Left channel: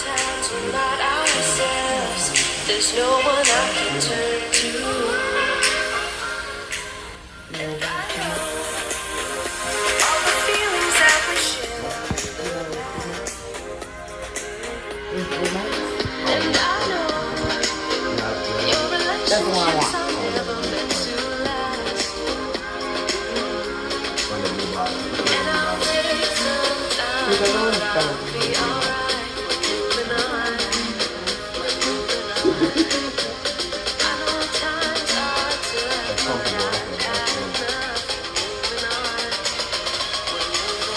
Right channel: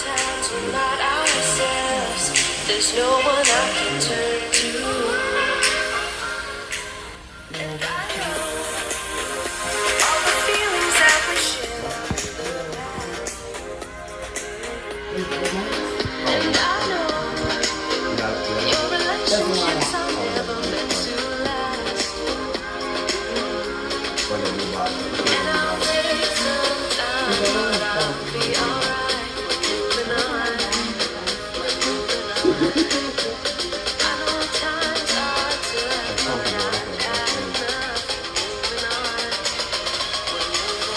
Sometimes we're not ourselves. There's no one I can turn to. And I know all the feelings that we share in the past. And I know your relationships are never meant to last. And I'll take some time, but I'll be alright. We're moving on. We're moving on. I know times are tough, but I've had enough. Moving on. We're moving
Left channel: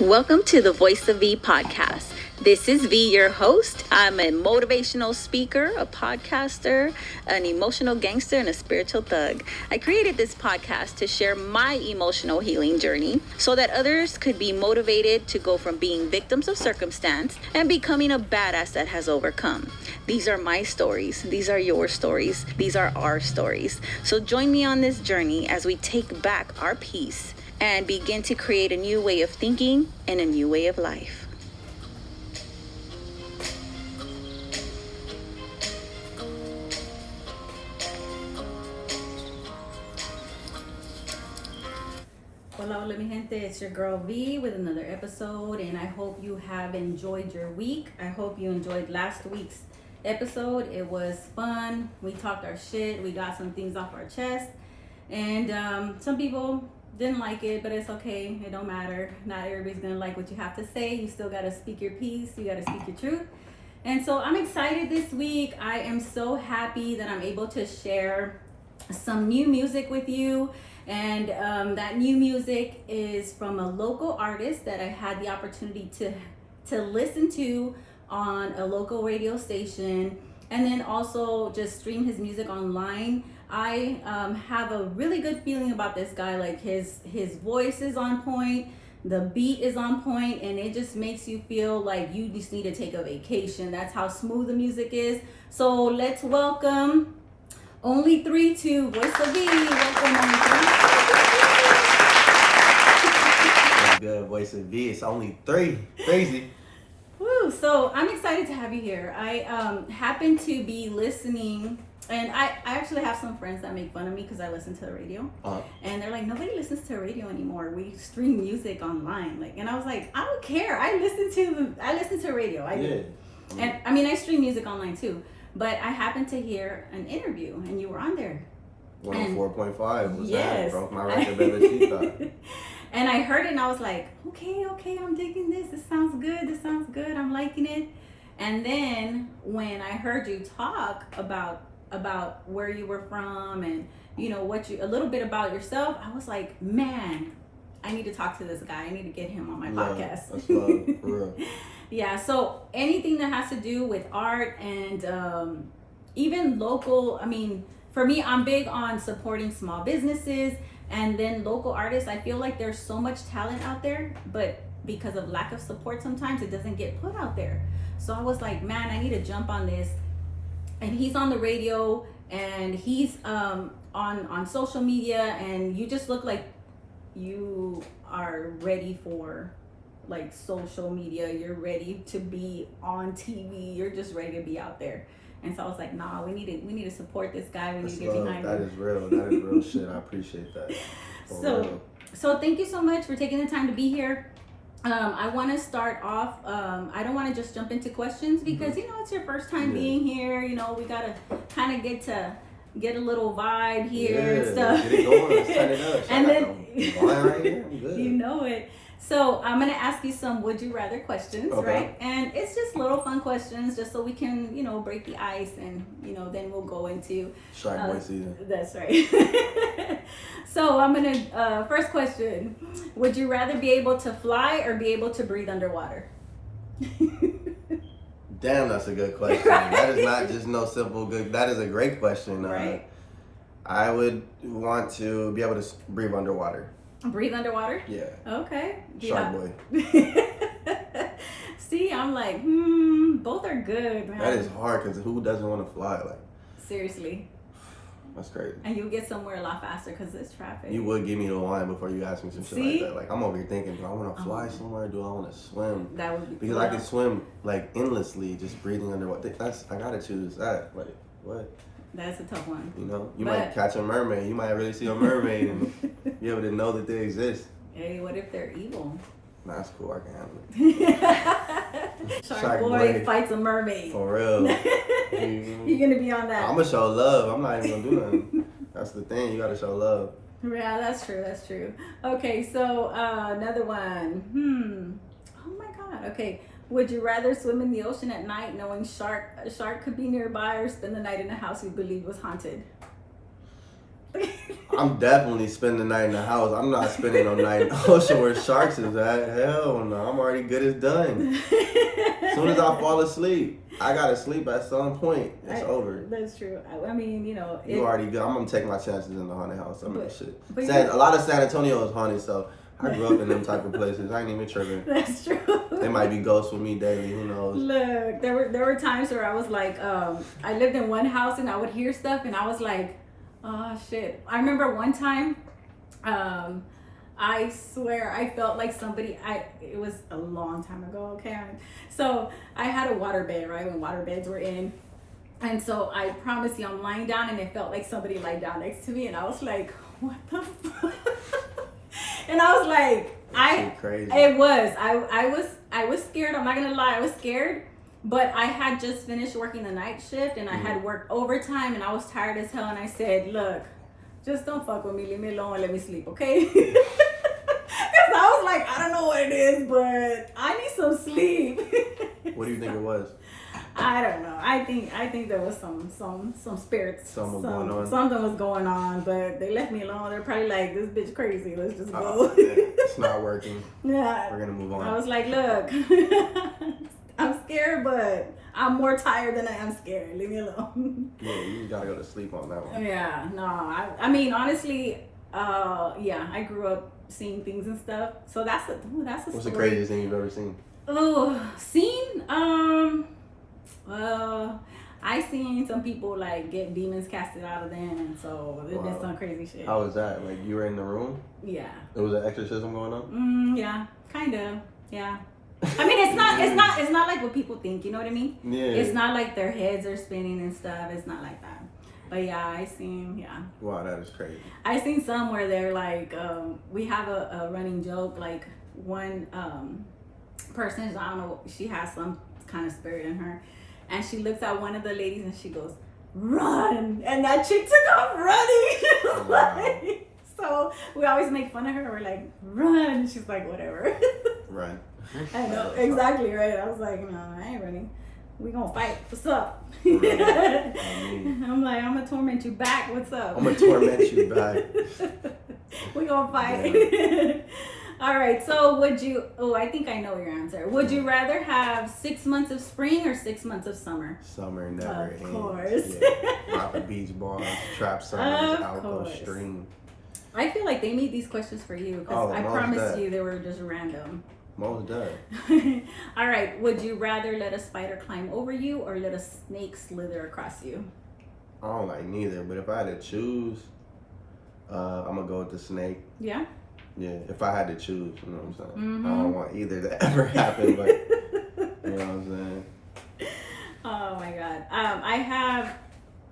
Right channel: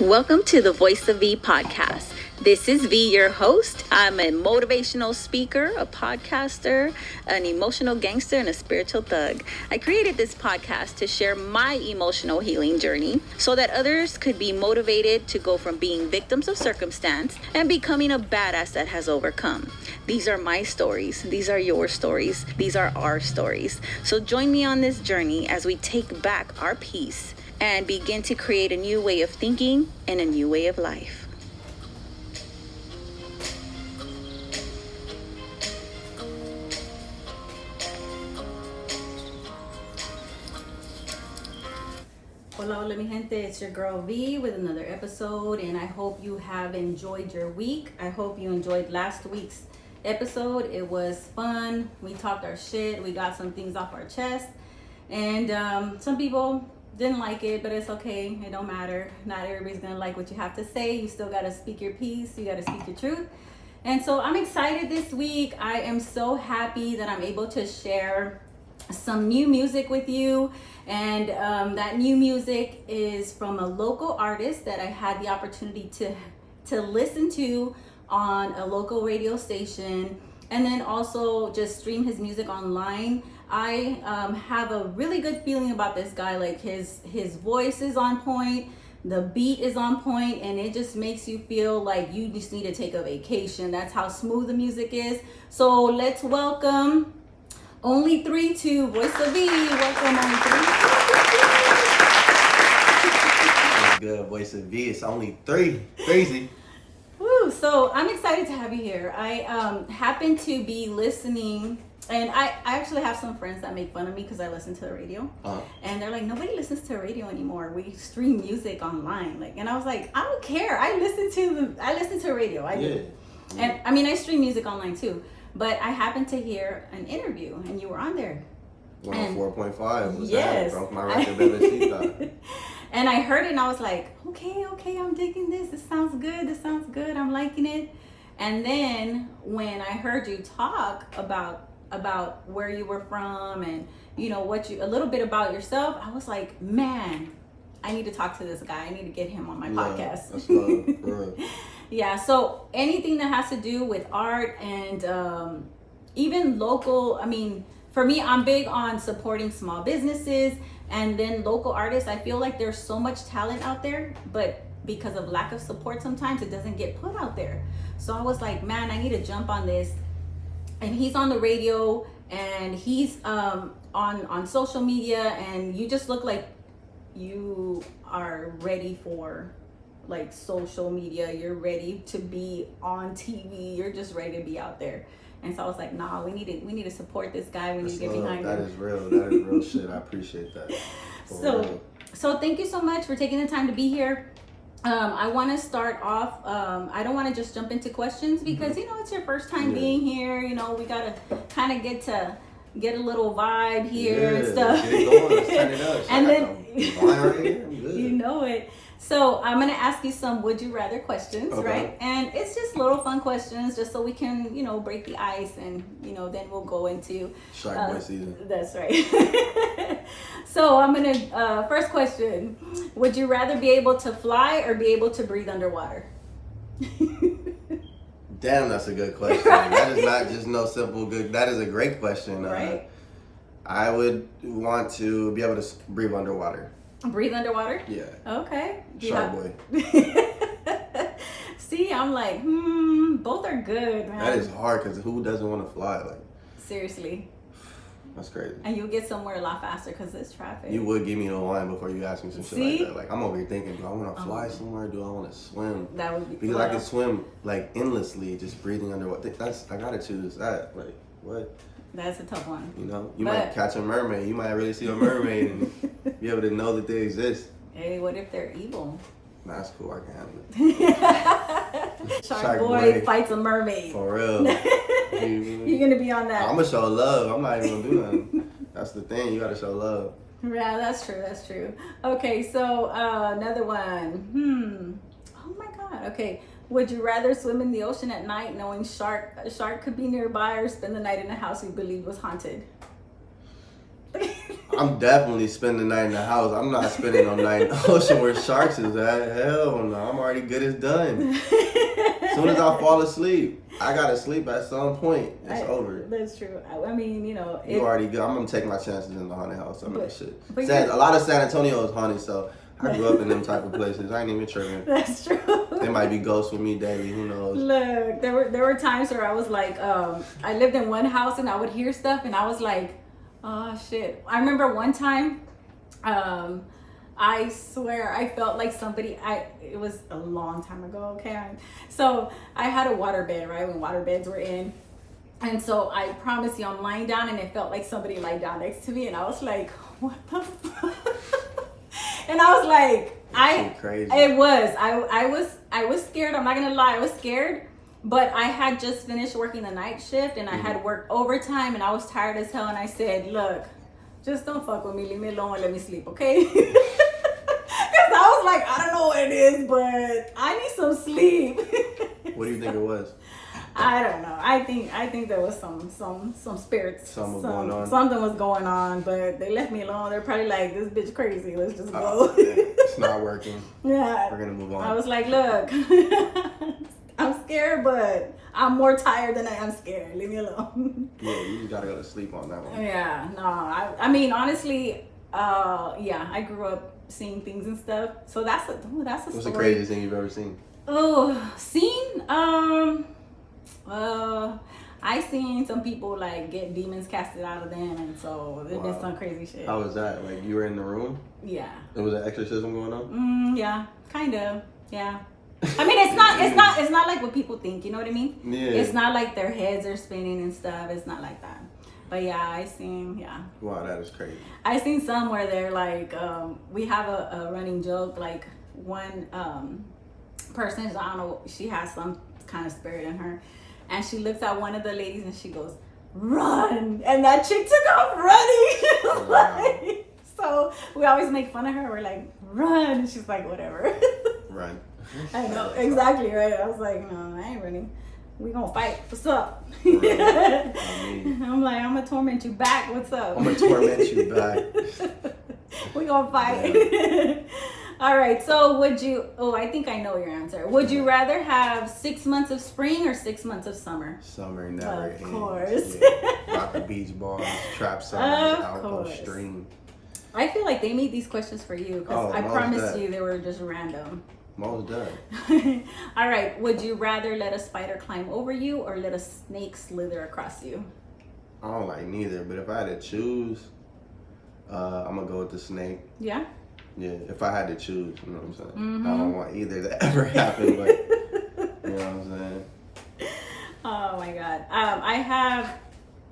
on. Welcome to the Voice of V podcast. This is V, your host. I'm a motivational speaker, a podcaster, an emotional gangster, and a spiritual thug. I created this podcast to share my emotional healing journey so that others could be motivated to go from being victims of circumstance and becoming a badass that has overcome. These are my stories. These are your stories. These are our stories. So join me on this journey as we take back our peace and begin to create a new way of thinking and a new way of life. Hola, mi gente, it's your girl V with another episode, and I hope you have enjoyed your week. I hope you enjoyed last week's episode. It was fun. We talked our shit. We got some things off our chest, and some people didn't like it, but it's okay. It don't matter. Not everybody's gonna like what you have to say. You still gotta speak your piece. You gotta speak your truth. And so I'm excited this week. I am so happy that I'm able to share some new music with you. And that new music is from a local artist that I had the opportunity to listen to on a local radio station, and then also just stream his music online. I have a really good feeling about this guy. Like his voice is on point, the beat is on point, and it just makes you feel like you just need to take a vacation. That's how smooth the music is. So let's welcome Only 3 to Voice of V. Welcome, Only 3. Good, Voice of V. It's only 3. Crazy. Woo! So I'm excited to have you here. I happen to be listening, and I actually have some friends that make fun of me because I listen to the radio, and they're like, nobody listens to the radio anymore. We stream music online, like, and I was like, I don't care. I listen to radio. I do, and I mean, I stream music online too. But I happened to hear an interview, and you were on there. 104.5 was yes. That? Broke my record, baby. And I heard it, and I was like, okay, I'm digging this. This sounds good. I'm liking it. And then when I heard you talk about where you were from and a little bit about yourself, I was like, man, I need to talk to this guy. I need to get him on my podcast. That's love. Yeah, so anything that has to do with art and even local, I mean, for me, I'm big on supporting small businesses and then local artists. I feel like there's so much talent out there, but because of lack of support, sometimes it doesn't get put out there. So I was like, man, I need to jump on this. And he's on the radio, and he's on social media, and you just look like you are ready for like social media. You're ready to be on TV. You're just ready to be out there. And so I was like, nah, we need to support this guy. We need to get behind him. That is real shit. I appreciate that. So thank you so much for taking the time to be here. I want to start off. I don't want to just jump into questions because it's your first time being here. We gotta kind of get a little vibe here and stuff. Get it going. Let's turn it up. And then right here. I'm good. You know it. So I'm going to ask you some would you rather questions, okay. Right? And it's just little fun questions just so we can, break the ice and, then we'll go into Shark Boy season. That's right. So I'm going to, first question, would you rather be able to fly or be able to breathe underwater? Damn, that's a good question. That is not just no simple good, that is a great question. Right. I would want to be able to breathe underwater. Breathe underwater? Yeah. Okay. Shark Boy. See, I'm like, both are good, man. That is hard because who doesn't want to fly? Like, seriously. That's crazy. And you'll get somewhere a lot faster because it's traffic. You would give me the wine before you ask me some shit like that. Like, I'm over here thinking, do I want to fly somewhere? Do I want to swim? That would be because I can swim like endlessly, just breathing underwater. I gotta choose that. Like, what? That's a tough one. You know, you might catch a mermaid. You might really see a mermaid and be able to know that they exist. Hey, what if they're evil? Nah, that's cool. I can handle it. Shark boy fights a mermaid. For real. You're gonna be on that. I'm gonna show love. I'm not even gonna do nothing. That's the thing. You gotta show love. Yeah, that's true. That's true. Okay, so another one. Oh my God. Okay. Would you rather swim in the ocean at night knowing a shark could be nearby, or spend the night in a house you believe was haunted? I'm definitely spending the night in the house. I'm not spending no night in the ocean where sharks is at. Hell no. I'm already good as done. As soon as I fall asleep, I gotta sleep at some point. It's over. That's true. I mean, you know. You already good. I'm gonna take my chances in the haunted house. I mean, shit. But A lot of San Antonio is haunted, so I grew up in them type of places. I ain't even tripping. That's true. There might be ghosts with me daily. Who knows? Look, there were times where I was like, I lived in one house and I would hear stuff and I was like, oh shit. I remember one time, I swear I felt like it was a long time ago, okay? So I had a waterbed, right? When waterbeds were in. And so I promise you, I'm lying down and it felt like somebody lied down next to me and I was like, what the fuck? And I was like, crazy. It was. I was scared. I'm not gonna lie, I was scared. But I had just finished working the night shift and I had worked overtime and I was tired as hell and I said, look, just don't fuck with me, leave me alone and let me sleep, okay? Because I was like, I don't know what it is, but I need some sleep. What do you think it was? I don't know. I think there was some spirits. Something going on. Something was going on, but they left me alone. They're probably like, this bitch crazy. Let's just go. It's not working. Yeah. We're gonna move on. I was like, look, I'm scared, but I'm more tired than I am scared. Leave me alone. Yeah, you just gotta go to sleep on that one. Yeah, no. I mean, honestly, yeah, I grew up seeing things and stuff. So that's a What's story. the craziest thing you've ever seen? Oh, seen? I seen some people like get demons casted out of them, and so there's been some crazy shit. How was that? Like you were in the room? Yeah. There was an exorcism going on? Yeah, kind of. Yeah. I mean, it's not like what people think. You know what I mean? Yeah. It's not like their heads are spinning and stuff. It's not like that. But yeah, I seen. Yeah. Wow, that is crazy. I seen some where they're like, we have a running joke. Like one person, I don't know, she has some kind of spirit in her. And she looks at one of the ladies and she goes, run! And that chick took off running. Wow. So we always make fun of her. We're like, run! She's like, whatever. Run. I know, exactly, right? I was like, no, I ain't running. We gonna fight. What's up? Right. I'm like, I'm gonna torment you back. What's up? I'm gonna torment you back. We gonna fight. Yeah. All right, so I think I know your answer. Would you rather have 6 months of spring or 6 months of summer? Summer never ends. Of course. Yeah. Rock the beach balls, trap summers, Of outdoor course. stream. I feel like they made these questions for you because I promise you they were just random. Most done. All right, would you rather let a spider climb over you or let a snake slither across you? I don't like neither, but if I had to choose, I'm gonna go with the snake. Yeah? Yeah, if I had to choose, you know what I'm saying? Mm-hmm. I don't want either to ever happen, but you know what I'm saying? Oh my God. I have,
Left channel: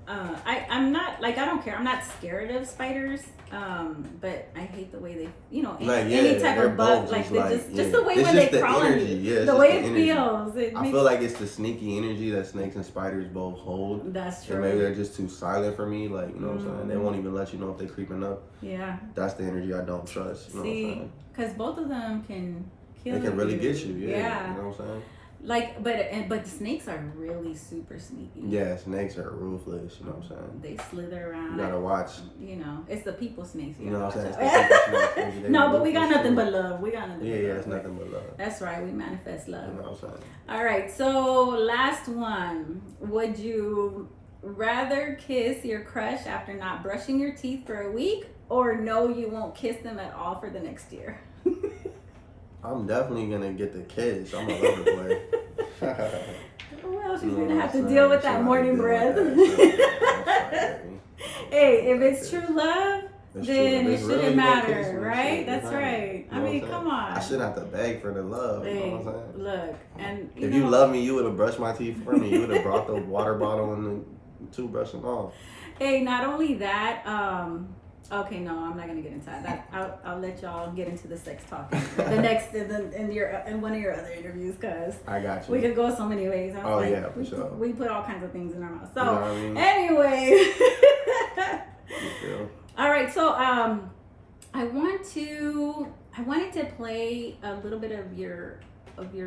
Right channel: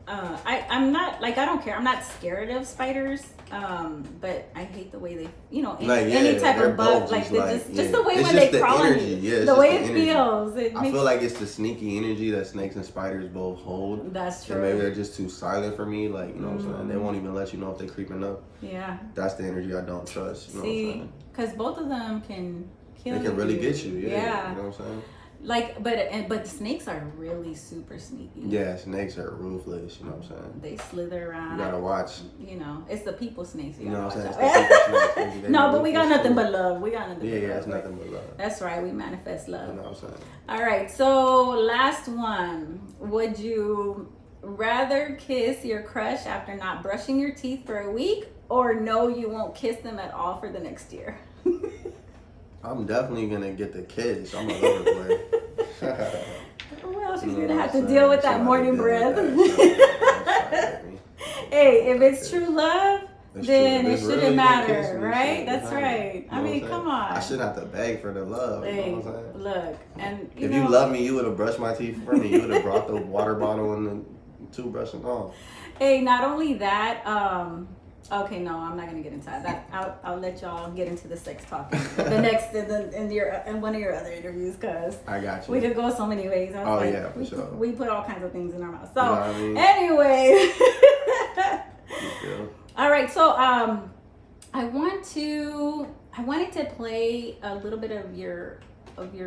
I'm not, like, I don't care. I'm not scared of spiders, but I hate the way they, you know, any type of bug, like, they just the way it's when just they the crawl energy. on you, Yeah, the way it feels. I feel like it's the sneaky energy that snakes and spiders both hold. That's true. And maybe they're just too silent for me, like, you know what I'm saying? They won't even let you know if they're creeping up. Yeah. That's the energy I don't trust, you know what I'm saying? Because both of them can kill you. They can really get you, yeah. Yeah. You know what I'm saying? Like, but the snakes are really super sneaky. Yeah, snakes are ruthless, you know what I'm saying? They slither around. You gotta watch. You know, it's the people snakes. You know what I'm saying? Watch It's the out. people snakes. They No, but we got ruthless nothing too. but love. We got nothing but love. Yeah, it's nothing but love. That's right. We manifest love. You know what I'm saying? All right. So last one. Would you rather kiss your crush after not brushing your teeth for a week, or no, you won't kiss them at all for the next year? I'm definitely gonna get the kids. I'm a lover boy. Well, she's You know gonna what have I'm to saying? deal with She that gonna morning deal with breath. that. Hey, if it's true love, then it shouldn't really matter, right? That's right. You I know mean, what I'm come on. I shouldn't have to beg for the love. You know Hey, what I'm saying? look, and If you love me, you would have brushed my teeth for me. You would have brought the water bottle and the toothbrush and all. Hey, not only that, okay, no, I'm not gonna get into that. I'll let y'all get into the sex talk the next in one of your other interviews, cause I got you. we could go so many ways. I was Oh, like, yeah, for sure. We put all kinds of things in our mouth. So You know what I mean? anyway, You feel? all right. So I wanted to play a little bit of your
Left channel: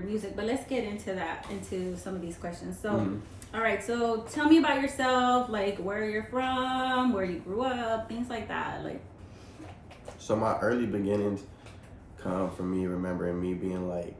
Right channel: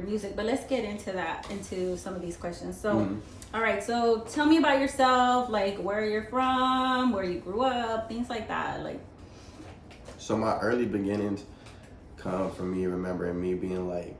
music, but let's get into some of these questions. So. All right, so tell me about yourself, like where you're from, where you grew up, things like that. Like, so my early beginnings come from me remembering me being like,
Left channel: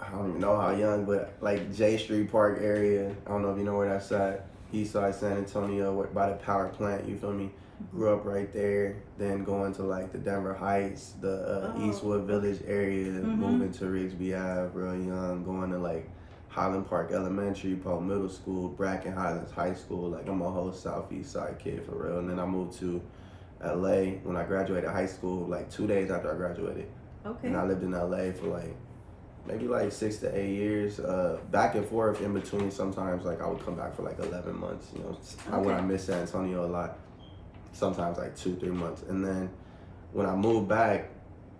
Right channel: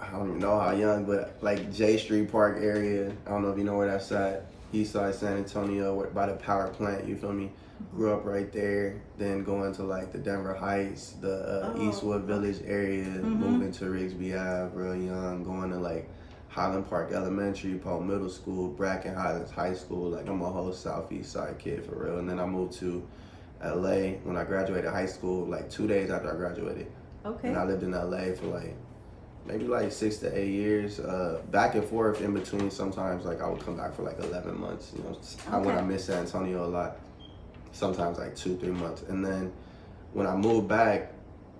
I don't even know how young, but like J Street Park area. I don't know if you know where that's at. Eastside San Antonio, by the power plant. You feel me? Grew up right there. Then going to like the Denver Heights, the Eastwood Village area. Moving to Rigsby Ave, real young. Going to like Highland Park Elementary, Poe Middle School, Bracken Highlands High School. Like I'm a whole Southeast Side kid for real. And then I moved to LA when I graduated high school, like 2 days after I graduated. okay. And I lived in LA for like maybe like 6 to 8 years, back and forth in between. Sometimes like I would come back for like 11 months, you know, when I missed San Antonio a lot, sometimes like 2-3 months. And then when I moved back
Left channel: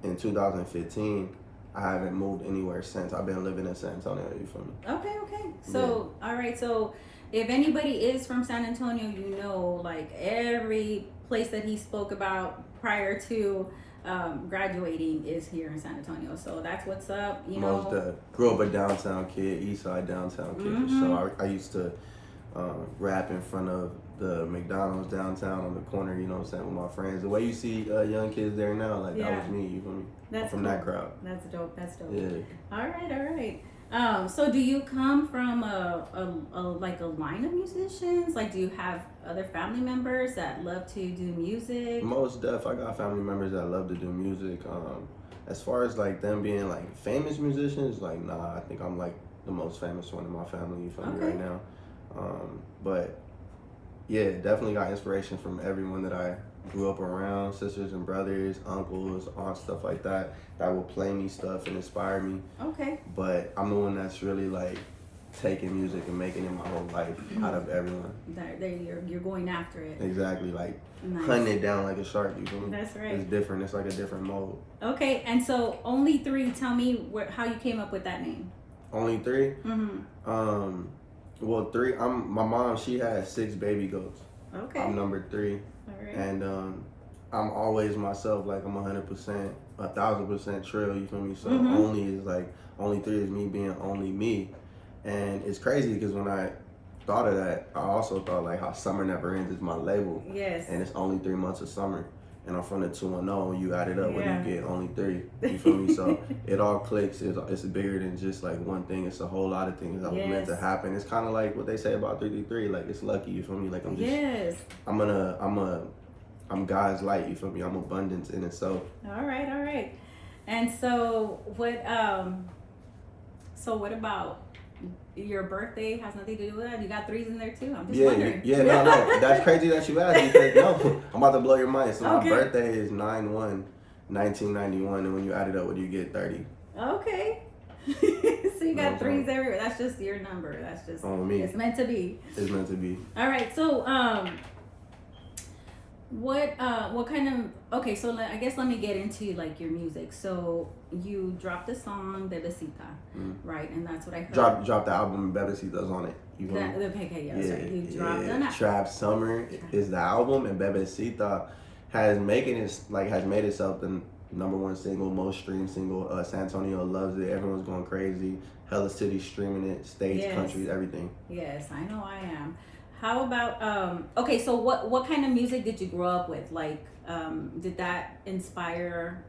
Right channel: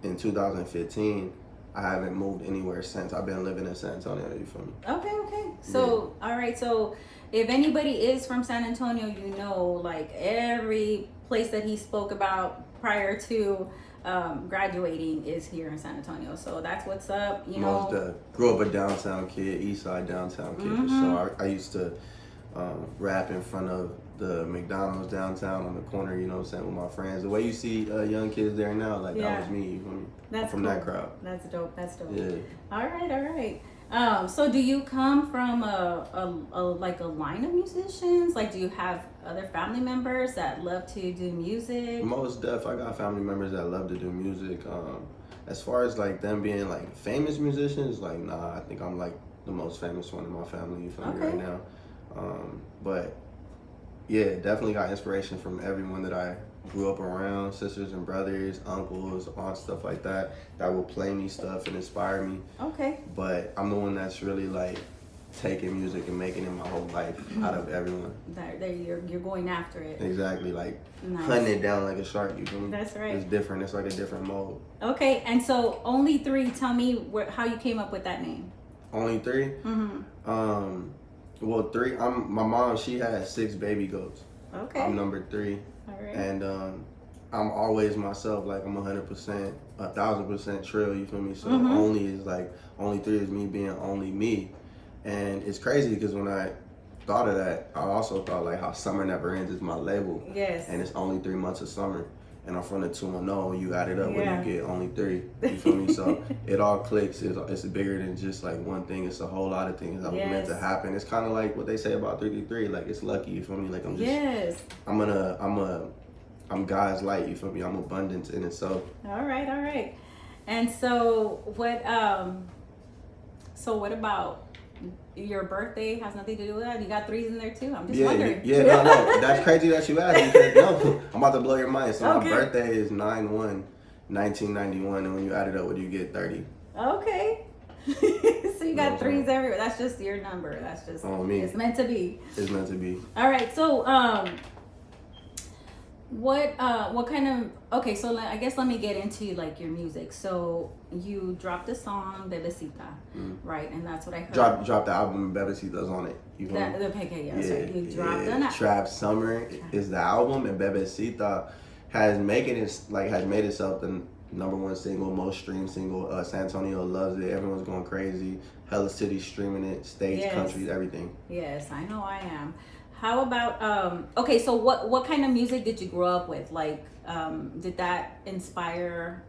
in 2015, I haven't moved anywhere since. I've been living in San Antonio, you feel me? Okay. So, all right. So if anybody is from San Antonio, you know, like every place that he spoke about prior to graduating is here in San Antonio. So that's what's up, you know. Grew up a downtown kid, East Side downtown kid for sure. I used to rap in front of the McDonald's downtown on the corner, you know what I'm saying, with my friends. The way you see young kids there now, like that was me, you feel me? That's from cool. that crowd. That's dope. Yeah. All right. So do you come from a line of musicians? Like, do you have other family members that love to do music? Most def, I got family members that love to do music. As far as like them being like famous musicians, like nah, I think I'm like the most famous one in my family, you feel me, right now. But yeah, definitely got inspiration from everyone that I grew up around, sisters and brothers, uncles, aunts, stuff like that will play me stuff and inspire me. Okay. But I'm the one that's really like taking music and making it my whole life out of everyone. You're going after it. Exactly, like Nice. hunting it down like a shark, you feel me? That's right. It's different, it's like a different mode. Okay, and so Only Three, tell me how you came up with that name. Only Three? Well, 3, my mom, she had 6 baby goats. Okay. I'm number 3. All right. And I'm always myself, like I'm 100%, 1,000% Trill, you feel me? So only is like, Only Three is me being only me. And it's crazy because when I thought of that, I also thought like how Summer Never Ends is my label. Yes. And it's only 3 months of summer. And I'm from the 210, you add it up, where you get only 3. You feel me? So it all clicks. It's bigger than just like one thing. It's a whole lot of things that was meant to happen. It's kind of like what they say about 333. Like it's lucky. You feel me? Like I'm just. I'm God's light. You feel me? I'm abundance in itself. All right. And so what? So what about your birthday? Has nothing to do with that. You got 3s in there too. I'm just wondering. No. That's crazy that you asked because no, I'm about to blow your mind. So my birthday is 9/1/1991, and when you add it up, what do you get? 30. Okay. So you got 3s everywhere. That's just your number. That's just on me. It's meant to be. It's meant to be. All right. So what kind of, okay, so I guess let me get into like your music. So you dropped a song, Bebecita, right? And that's what I heard. Drop the album, Bebecita's on it. You know? You dropped it. Trap Summer is the album, and Bebecita has made itself the #1 single, most streamed single. San Antonio loves it. Everyone's going crazy. Hella City streaming it, states, countries, everything. Yes, I know I am. How about okay, so what kind of music did you grow up with? Like did that inspire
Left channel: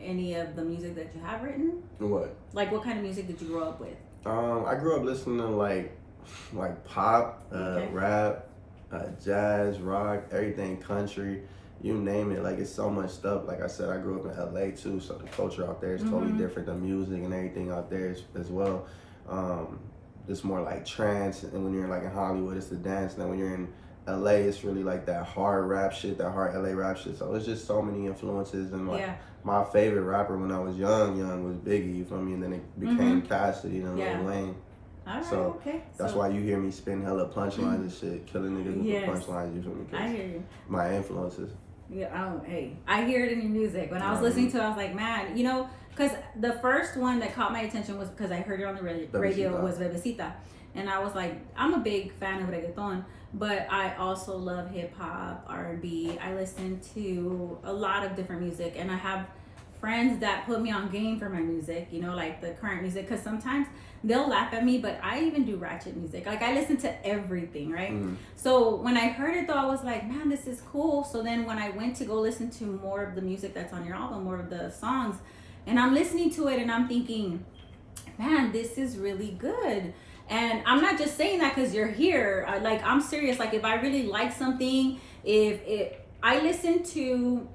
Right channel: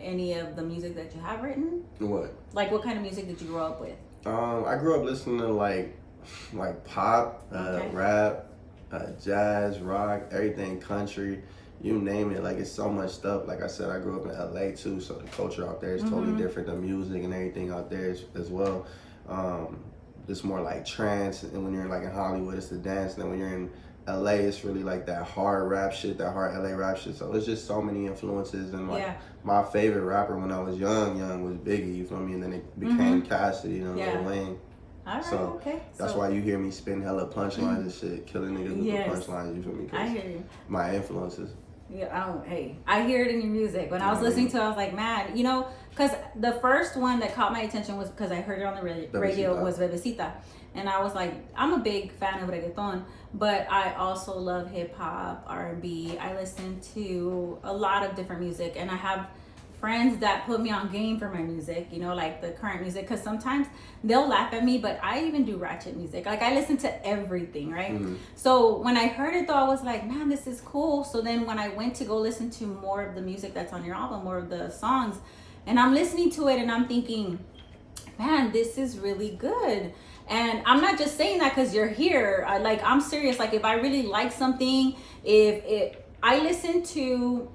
any of the music that you have written? What? Like what kind of music did you grow up with? I grew up listening to like pop, rap, jazz, rock, everything, country, you name it. Like it's so much stuff. Like I said, I grew up in LA too, so the culture out there is totally different. The music and everything out there as well. It's more like trance, and when you're like in Hollywood, it's the dance. And then when you're in LA, it's really like that hard rap shit, that hard LA rap shit. So it's just so many influences. And like my favorite rapper when I was young was Biggie, you feel me? And then it became Cassidy and Lil Wayne. All right, so that's why you hear me spin hella punchlines and shit, killing niggas with the punchlines, you feel me? I hear you. My influences. Yeah, I hear it in your music. When I was listening to it, I was like, man, you know, because the first one that caught my attention was because I heard it on the radio was Bebecita. And I was like, I'm a big fan of reggaeton, but I also love hip hop, R&B. I listen to a lot of different music, and I have friends that put me on game for my music, you know, like the current music, because sometimes they'll laugh at me, but I even do ratchet music. Like I listen to everything, right? So when I heard it though, I was like, man, this is cool. So then when I went to go listen to more of the music that's on your album, more of the songs, and I'm listening to it and I'm thinking, man, this is really good. And I'm not just saying that because you're here. I'm serious. Like if I really like something, if I listen to,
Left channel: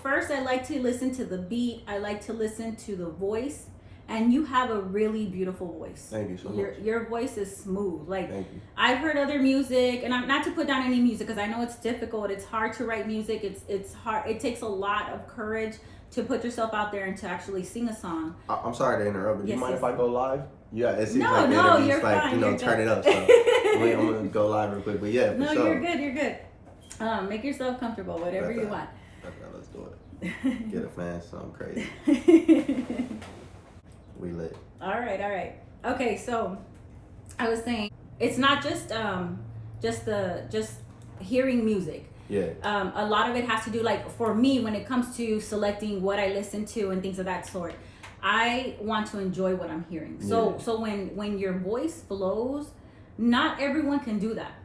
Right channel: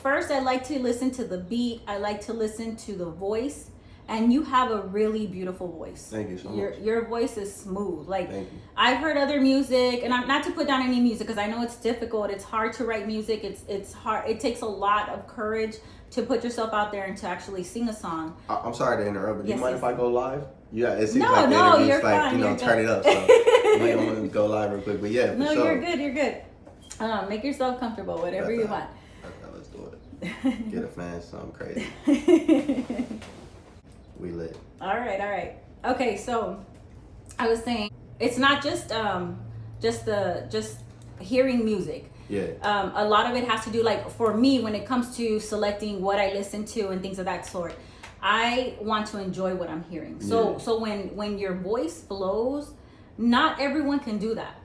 first I like to listen to the beat. I like to listen to the voice. And you have a really beautiful voice. Thank you so much. Your voice is smooth. Like thank you. I've heard other music, and I'm not to put down any music because I know it's difficult. It's hard to write music. It's hard. It takes a lot of courage to put yourself out there and to actually sing a song. I'm sorry to interrupt, but do you mind if I go live? Yeah, it seems no, like the no, interview's you're like, fine, you know, you're turn good. it up. So I'm gonna go live real quick. But yeah, for no, sure. You're good. Make yourself comfortable, whatever you want. Let's do it. Get a fan something crazy. We lit. All right. Okay, so I was saying it's not just hearing music. Yeah. A lot of it has to do, like for me, when it comes to selecting what I listen to and things of that sort, I want to enjoy what I'm hearing. So when your voice flows, not everyone can do that.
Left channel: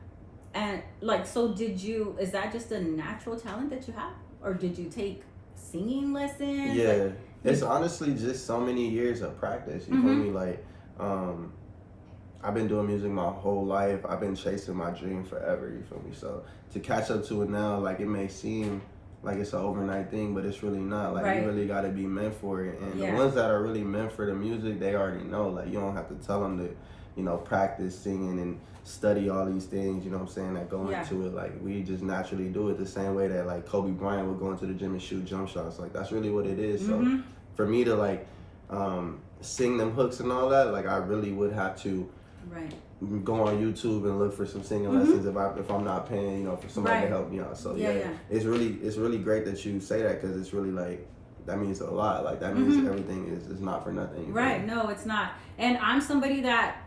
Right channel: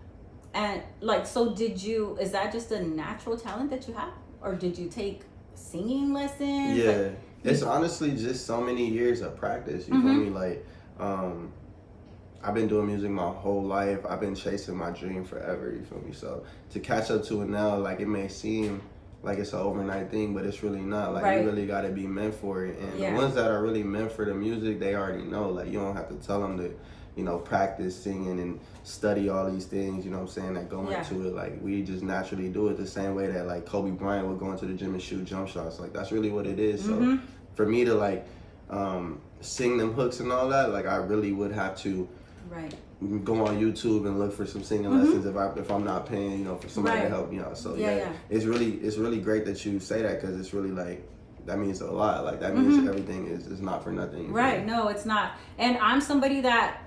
And like, so is that just a natural talent that you have, or did you take singing lessons? Yeah. Like, it's honestly just so many years of practice. You feel me? Like, I've been doing music my whole life. I've been chasing my dream forever. You feel me? So to catch up to it now, like it may seem like it's an overnight thing, but it's really not. Like you really got to be meant for it. And the ones that are really meant for the music, they already know. Like you don't have to tell them to, you know, practice singing and study all these things, you know what I'm saying, that go into it. Like we just naturally do it the same way that like Kobe Bryant would go into the gym and shoot jump shots. Like that's really what it is. So for me to like sing them hooks and all that, like I really would have to go on YouTube and look for some singing lessons if I'm not paying, you know, for somebody to help me out. So it's really great that you say that, because it's really like, that means a lot. Like that means everything is not for nothing. Right. No, it's not. And I'm somebody that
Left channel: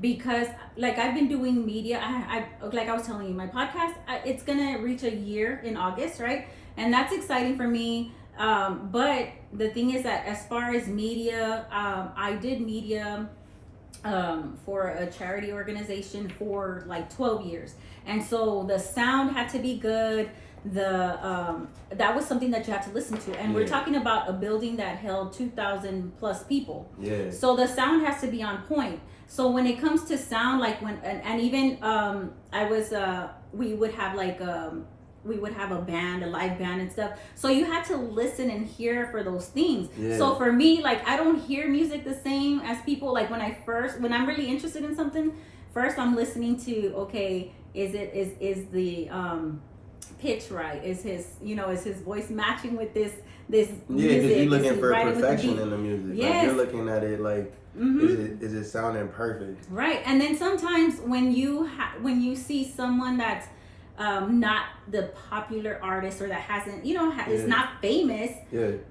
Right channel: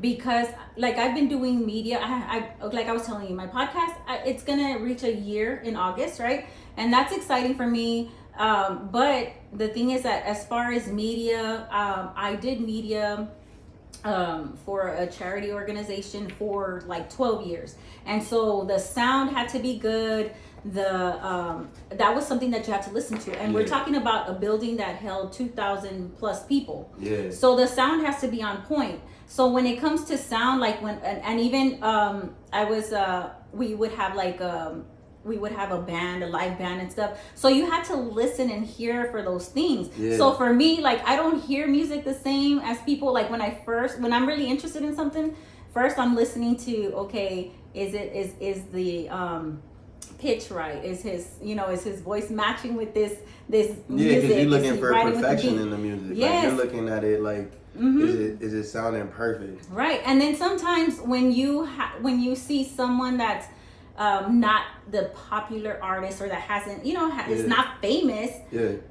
because like I've been doing media, I like I was telling you, my podcast, it's gonna reach a year in August, right? And that's exciting for me. But the thing is that as far as media, I did media for a charity organization for like 12 years. And so the sound had to be good. That was something that you had to listen to. And we're talking about a building that held 2,000 plus people. Yeah. So the sound has to be on point. So when it comes to sound, like when, and even, we would have like, we would have a band, a live band and stuff. So you had to listen and hear for those things. Yeah. So for me, like I don't hear music the same as people. Like when I'm really interested in something, first I'm listening to, okay, is the pitch right? Is his voice matching with this music? Yeah, because you're looking for perfection in the music. Yes. Like you're looking at it like, is it sounding perfect? Right. And then sometimes when you see someone that's not the popular artist, or that hasn't, is not famous,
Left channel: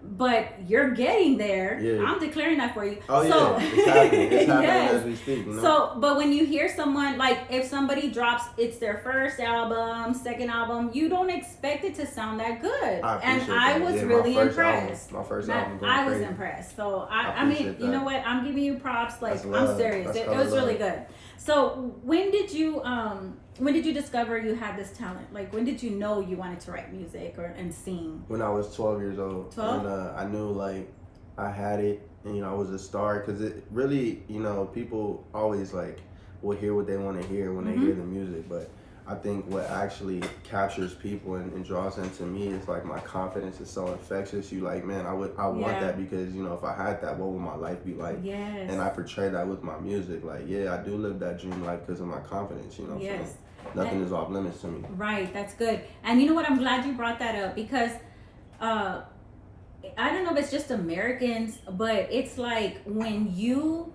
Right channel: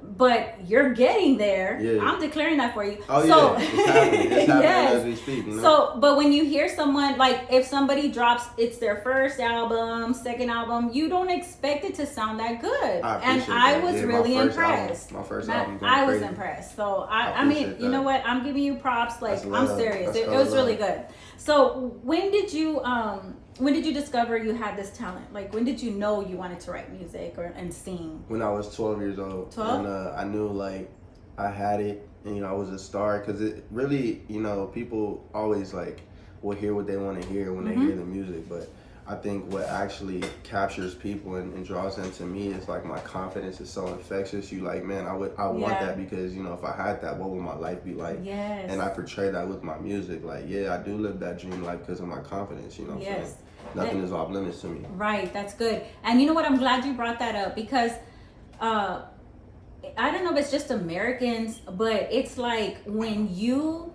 but you're getting there. I'm declaring that for you. Oh, so, it's happening. It's happening as we speak. You know? So, but when you hear someone, like if somebody drops, it's their first album, second album, you don't expect it to sound that good. I was really impressed. My first album going I was crazy. Impressed. So I mean, you know what? I'm giving you props. Like I'm serious. It was really good. So when did you discover you had this talent? Like when did you know you wanted to write music and sing? When I was 12 years old. 12? And I knew like I had it, and I was a star, because it really, people always like will hear what they want to hear when they hear the music, but I think what actually captures people and draws them to me is like my confidence is so infectious. You like, man, I want that, because if I had that, what would my life be like? Yes. And I portray that with my music. Like, I do live that dream life because of my confidence. You know what I'm saying? Nothing is off limits to me. Right, that's good. And you know what? I'm glad you brought that up because I don't know if it's just Americans, but it's like when you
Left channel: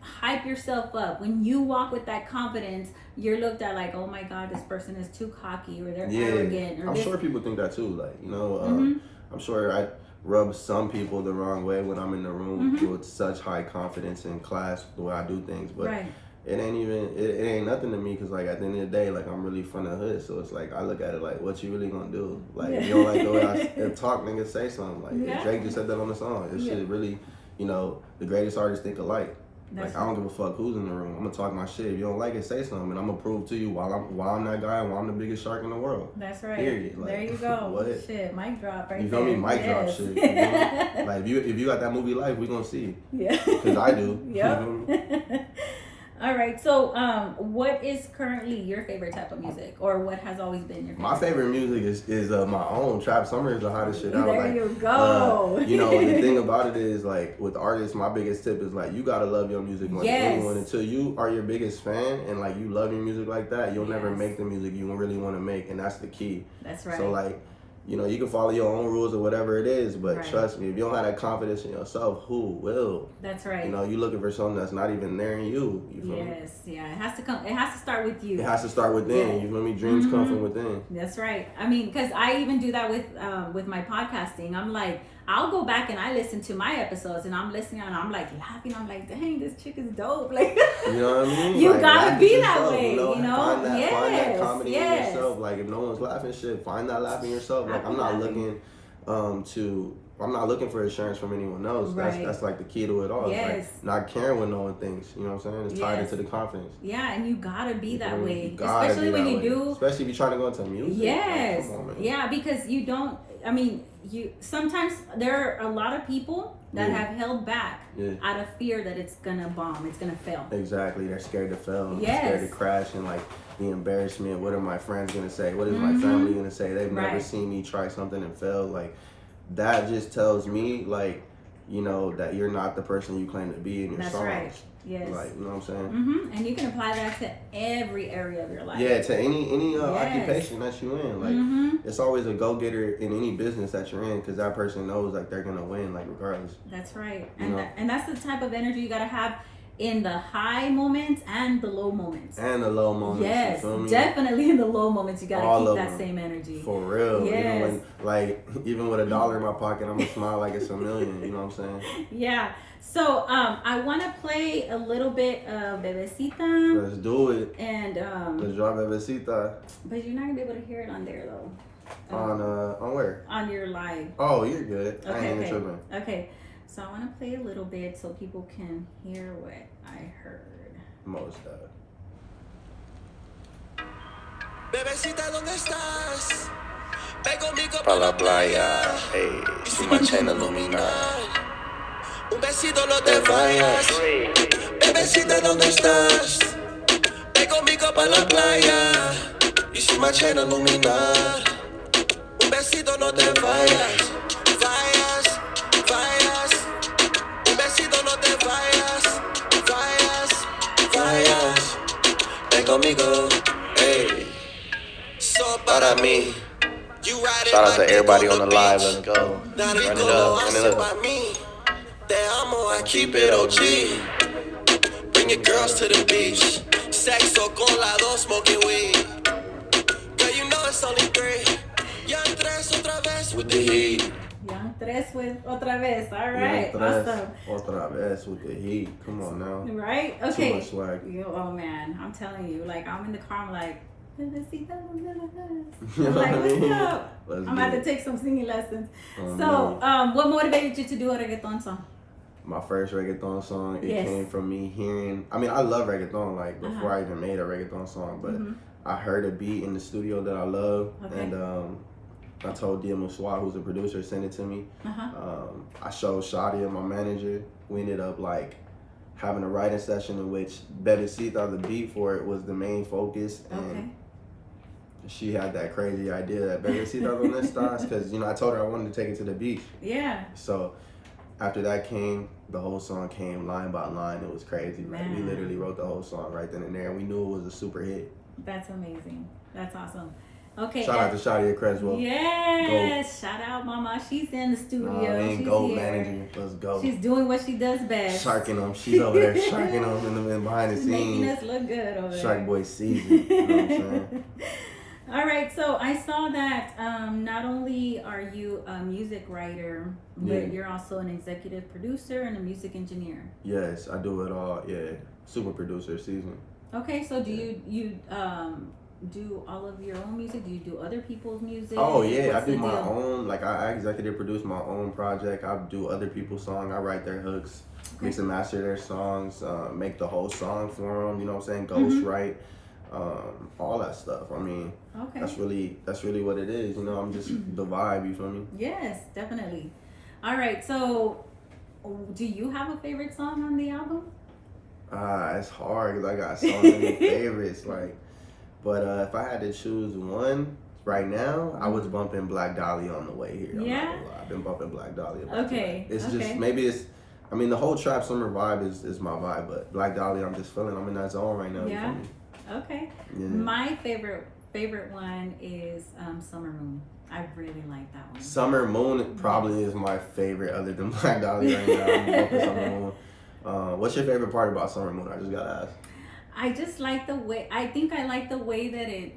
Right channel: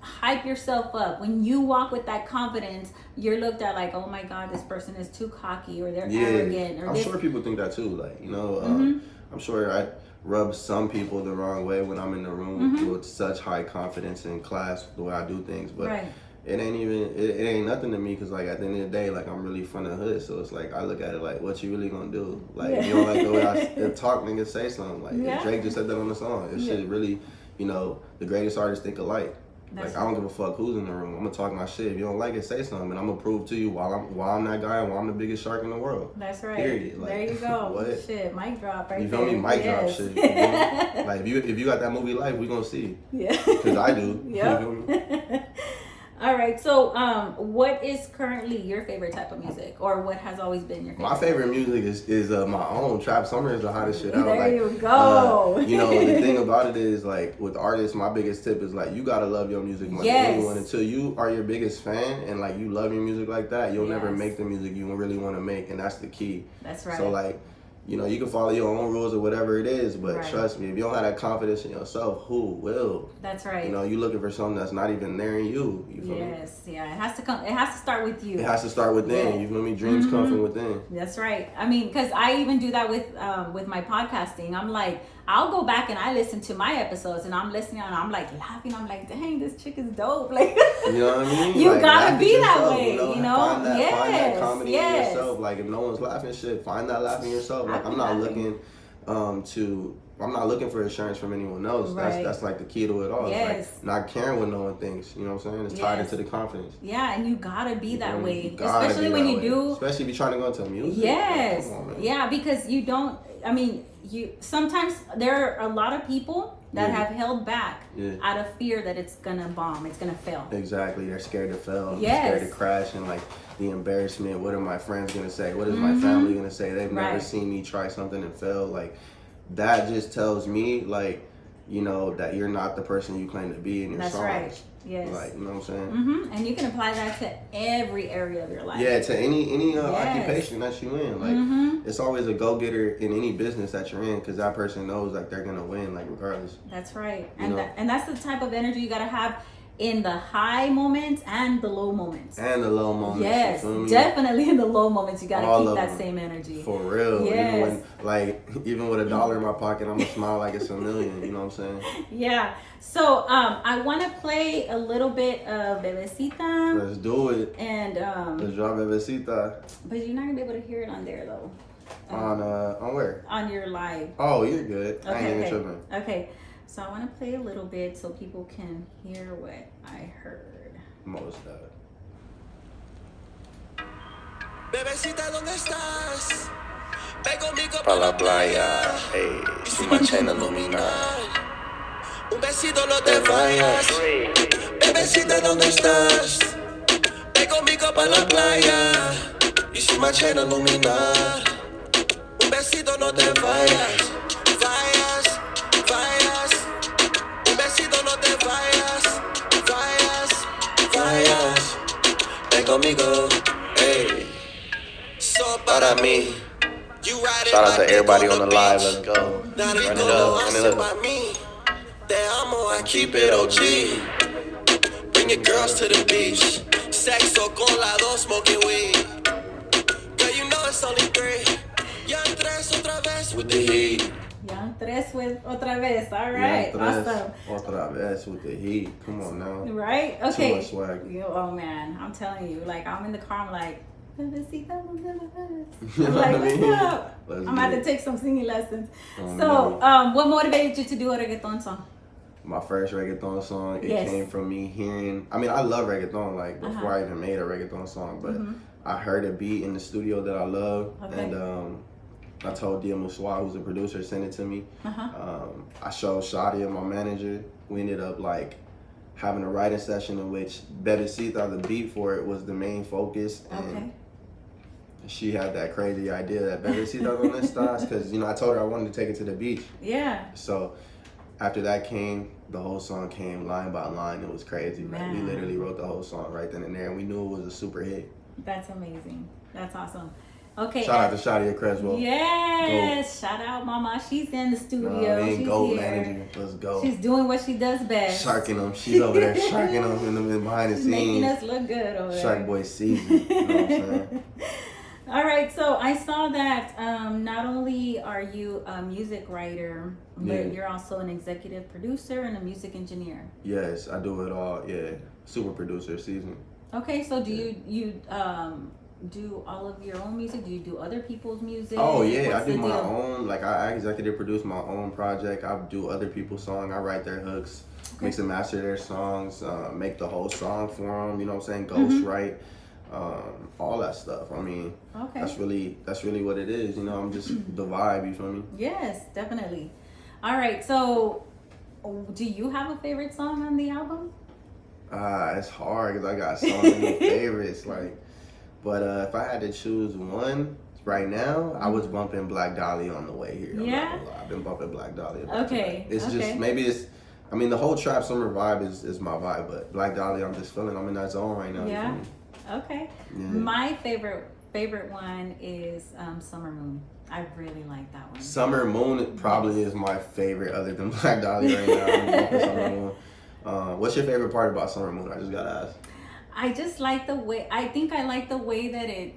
hype yourself up, when you walk with that confidence, you're looked at like, oh my God, this person is too cocky or they're arrogant. Or I'm this. sure people think that too. Like, you know, Mm-hmm. I'm sure I rub some people the wrong way when I'm in the room Mm-hmm. with such high confidence in class, the way I do things. But Right. it ain't even, it ain't nothing to me because, like, at the end of the day, like, I'm really from the hood. So it's like, I look at it like, what you really gonna do? Like, Yeah. you don't like the way I talk, nigga, say something. Like, Yeah. if Drake just said that on the song. It should really, you know, the greatest artists think alike. That's Like, I don't give a fuck who's in the room. I'm gonna talk my shit. If you don't like it, say something, and I'm gonna prove to you why I'm that guy and why I'm the biggest shark in the world. That's right. Period. Like, there you go. what? Shit, mic drop right You feel me? there. Mic drop Yes. shit. You feel me? Like, if you got that movie Life, we gonna see. Yeah. Because I do. Yep. You feel me? All right. So, what is currently your favorite type of music, or what has always been your favorite? My favorite music is my own. Trap Summer is the hottest shit out. There Like, you go. you know, the thing about it is, like, with artists, my biggest tip is, like, you gotta love your music more than Yes. anyone. Until you are your biggest fan and, like, you love your music like that, you'll never Yes. make the music you really want to make, and that's the key. That's right. So, like, you know, you can follow your own rules or whatever it is, but Right. trust me, if you don't have that confidence in yourself, who will? That's right. You know, you looking for something that's not even there in you. You feel me? Yes. Yeah. It has to come. It has to start with you. It has to start within. Yeah. You feel me? Dreams come Mhm. from within. That's right. I mean, because I even do that with my podcasting. I'm like, I'll go back and I listen to my episodes, and I'm listening and I'm like laughing. I'm like, dang, this chick is dope. Like, You know what I mean? You Like, gotta laugh at be that yourself, way, You know, you know? find that Yes, comedy in yes. yourself. Like, if no one's laughing, shit, find that laugh in yourself. Like, I'm not Laughing. looking I'm not looking for assurance from anyone else. Right. That's like the key to it all. Yes. It's like not caring what no one thinks. You know what I'm saying? It's tied Yes. into the confidence. Yeah, and you gotta be that You way, gotta especially be when that you way. do. Especially if you're trying to go into music. Yes. Like, come on, man. Yeah, because you don't. I mean, you sometimes there are a lot of people that Yeah. have held back Yeah. out of fear that it's gonna bomb, it's gonna fail. Exactly. They're scared to fail. Yes. They're scared to crash and like the embarrassment. What are my friends gonna say? What is Mhm. my family gonna say? They've never Right. seen me try something and fail. Like that just tells me like, you know, that you're not the person you claim to be in your That's songs. right. Yes. Like, you know what I'm saying? And you can apply that to every area of your life. Yeah, to any Yes. occupation that you in. Like Mm-hmm. it's always a go-getter in any business that you're in because that person knows like they're gonna win like regardless. That's right. You And know? and that's the type of energy you gotta have in the high moments and the low moments. And the low moments. Yes, You feel me? definitely in the low moments you gotta All keep of that them. same energy. For real. Yes. Even when like even with $1 in my pocket, I'm gonna smile like it's $1 million. You know what I'm saying? Yeah. So I want to play a little bit of Bebecita, Let's do it. and Let's drop Bebecita but you're not gonna be able to hear it on there though. on where? On your live. Oh, you're good. I ain't even Okay. tripping. Okay. So I want to play a little bit so people can hear what I heard. Most of it. Bebecita, ¿dónde estás? Ven conmigo Pa' la playa, hey, sin sin mancha iluminar. Un besito, no te vayas. Bebecita, ¿dónde estás? Ven conmigo pa' la playa y sin mancha iluminar. Un besito, no te vayas. Vayas, vayas. Un besito, no te vayas. Vayas, vayas. Ven conmigo, hey. So para mí. Shout out to everybody on the live, let's go. Run it up, run it up. Te amo, I keep it OG. Bring your girls to the beach. Sexo con la dos, smoking weed. Girl, you know it's only three. Young tres otra vez with the heat. Young Tres with otra vez. All Yeah, right. Awesome. Otra vez with the heat. Come on now. Right? Too Okay. much swag. Oh man, I'm telling you, like I'm in the car, I'm like, Bebecita, ¿dónde vas? You know I'm what I like, mean? what's up? Let's I'm about get to it. take some singing lessons. Oh, So, man. what motivated you to do a reggaeton song? My first reggaeton song, it Yes. came from me hearing, I mean, I love reggaeton, like, before Uh-huh. I even made a reggaeton song, but Mhm. I heard a beat in the studio that I love, Okay. and I told Dia Muswa, who's a producer, send it to me. Uh-huh. I showed Shadia, my manager. We ended up, like, having a writing session in which Bebecita, the beat for it, was the main focus, and Okay. she had that crazy idea that Bebecita on this stars, because, you know, I told her I wanted to take it to the beach. Yeah. So after that came, the whole song came line by line. It was crazy. Like we Man. literally wrote the whole song right then and there. And we knew it was a super hit. That's amazing. That's awesome. Okay. Shout out to Shadia Creswell. Yes. Shout out, Mama. She's in the studio. She's Gold here. manager. Let's go. She's doing what she does best. Sharking them. She's over there sharking them in behind the Making scenes. us look good over there. Shark Boy season. You know what I'm saying? All right, so I saw that not only are you a music writer, but Yeah. you're also an executive producer and a music engineer. Yes, I do it all. Yeah. Super producer season. Okay, so do you do all of your own music? Do you do other people's music? Oh yeah, What's I do the my deal? own. Like I executive produce my own project. I do other people's songs. I write their hooks, mix and master their songs, make the whole song for them. You know what I'm saying? Ghost write, all that stuff. I mean, Okay. that's really what it is. You know, I'm just the vibe. You feel me? Yes, definitely. All right, so do you have a favorite song on the album? It's hard because I got so many favorites. Like, but if I had to choose one right now, I was bumping Black Dahlia on the way here. I'm Yeah? not gonna lie. I've been bumping Black Dahlia. Okay, It's okay. just maybe it's. I mean, the whole trap summer vibe is my vibe, but Black Dahlia, I'm just feeling. I'm in that zone right now. you Yeah? feel me? Okay. Yeah. My favorite one is Summer Moon. I really like that one. Summer Moon probably is my favorite, other than Black Dahlia right now. I'm bumping Summer Moon. What's your favorite part about Summer Moon? I just gotta ask. I just like the way, I think I like the way that it,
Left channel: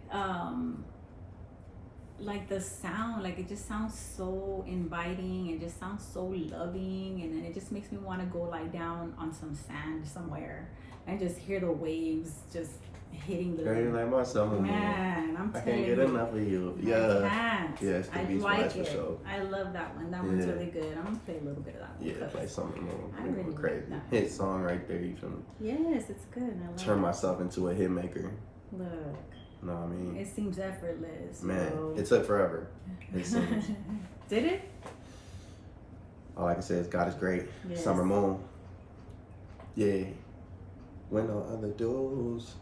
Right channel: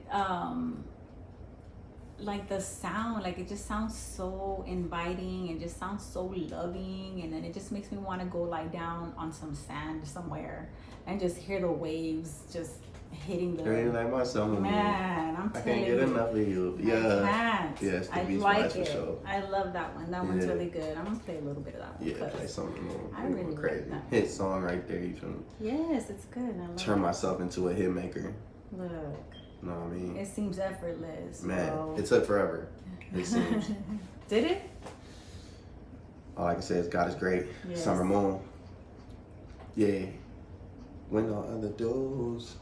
like the sound, like it just sounds so inviting and just sounds so loving, and then it just makes me want to go lie down on some sand somewhere and just hear the waves just hitting the, Girl, you like my Summer Moon. man, I'm I telling can't get you. enough of you. I Yeah. can't. Yes, the I Beach like Boys for it. sure. I love that one. That one's Yeah. really good. I'm gonna play a little bit of that one. Yeah, 'cause- play Summer Moon. I really crazy. like that. Hit song right there. You feel me? Yes, it's good. I love Turn it. myself into a hit maker. Look, You know what I mean? it seems effortless. Man, so- it took forever. It seems. Did it? All I can say is God is great. Yes. Summer Moon. Yeah. When no other dudes.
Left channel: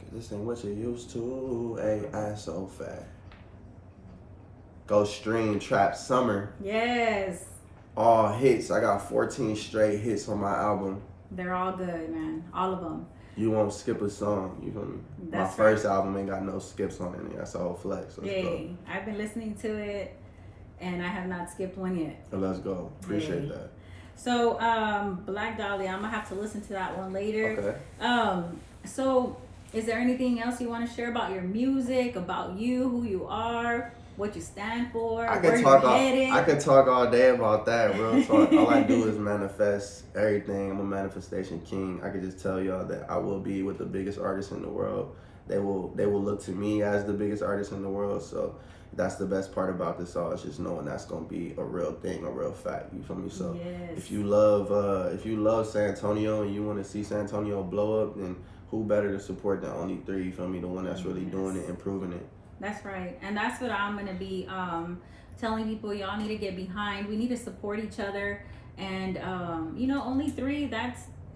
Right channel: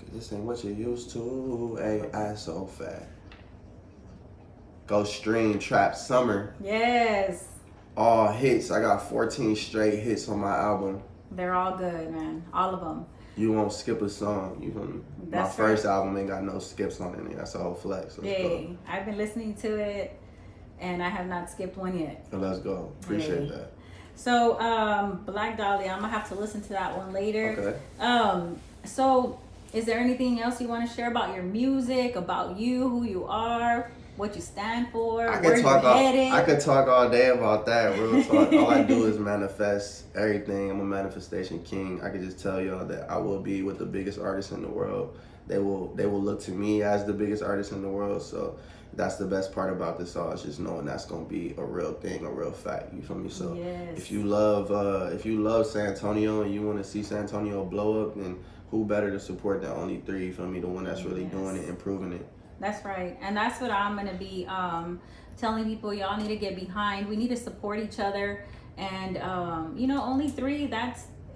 Cause this ain't what you used to. Hey, I so fat. Go stream Trap Summer. Yes. All hits. I got 14 straight hits on my album. They're all good, man. All of them. You won't skip a song. You feel me? My That's first album ain't got no skips on it. That's a whole flex. Let's Yay. I've been listening to it and I have not skipped one yet. go. Let's go. Appreciate Yay. that. So, Black Dahlia, I'm gonna have to listen to that one later. Okay. So is there anything else you want to share about your music, about you, who you are, what you stand for, I where could you're talk headed? I could talk all day about that. Real talk. All I do is manifest everything. I'm a manifestation king. I could just tell y'all that I will be with the biggest artists in the world. They will look to me as the biggest artist in the world. So that's the best part about this all, is just knowing that's gonna be a real thing, a real fact. You feel me? So Yes. if you love San Antonio and you want to see San Antonio blow up, then who better to support the only three? You feel me? The one that's really doing it, improving it. That's right. And that's what I'm going to be telling people. Y'all need to get behind. We need to support each other. And, only three,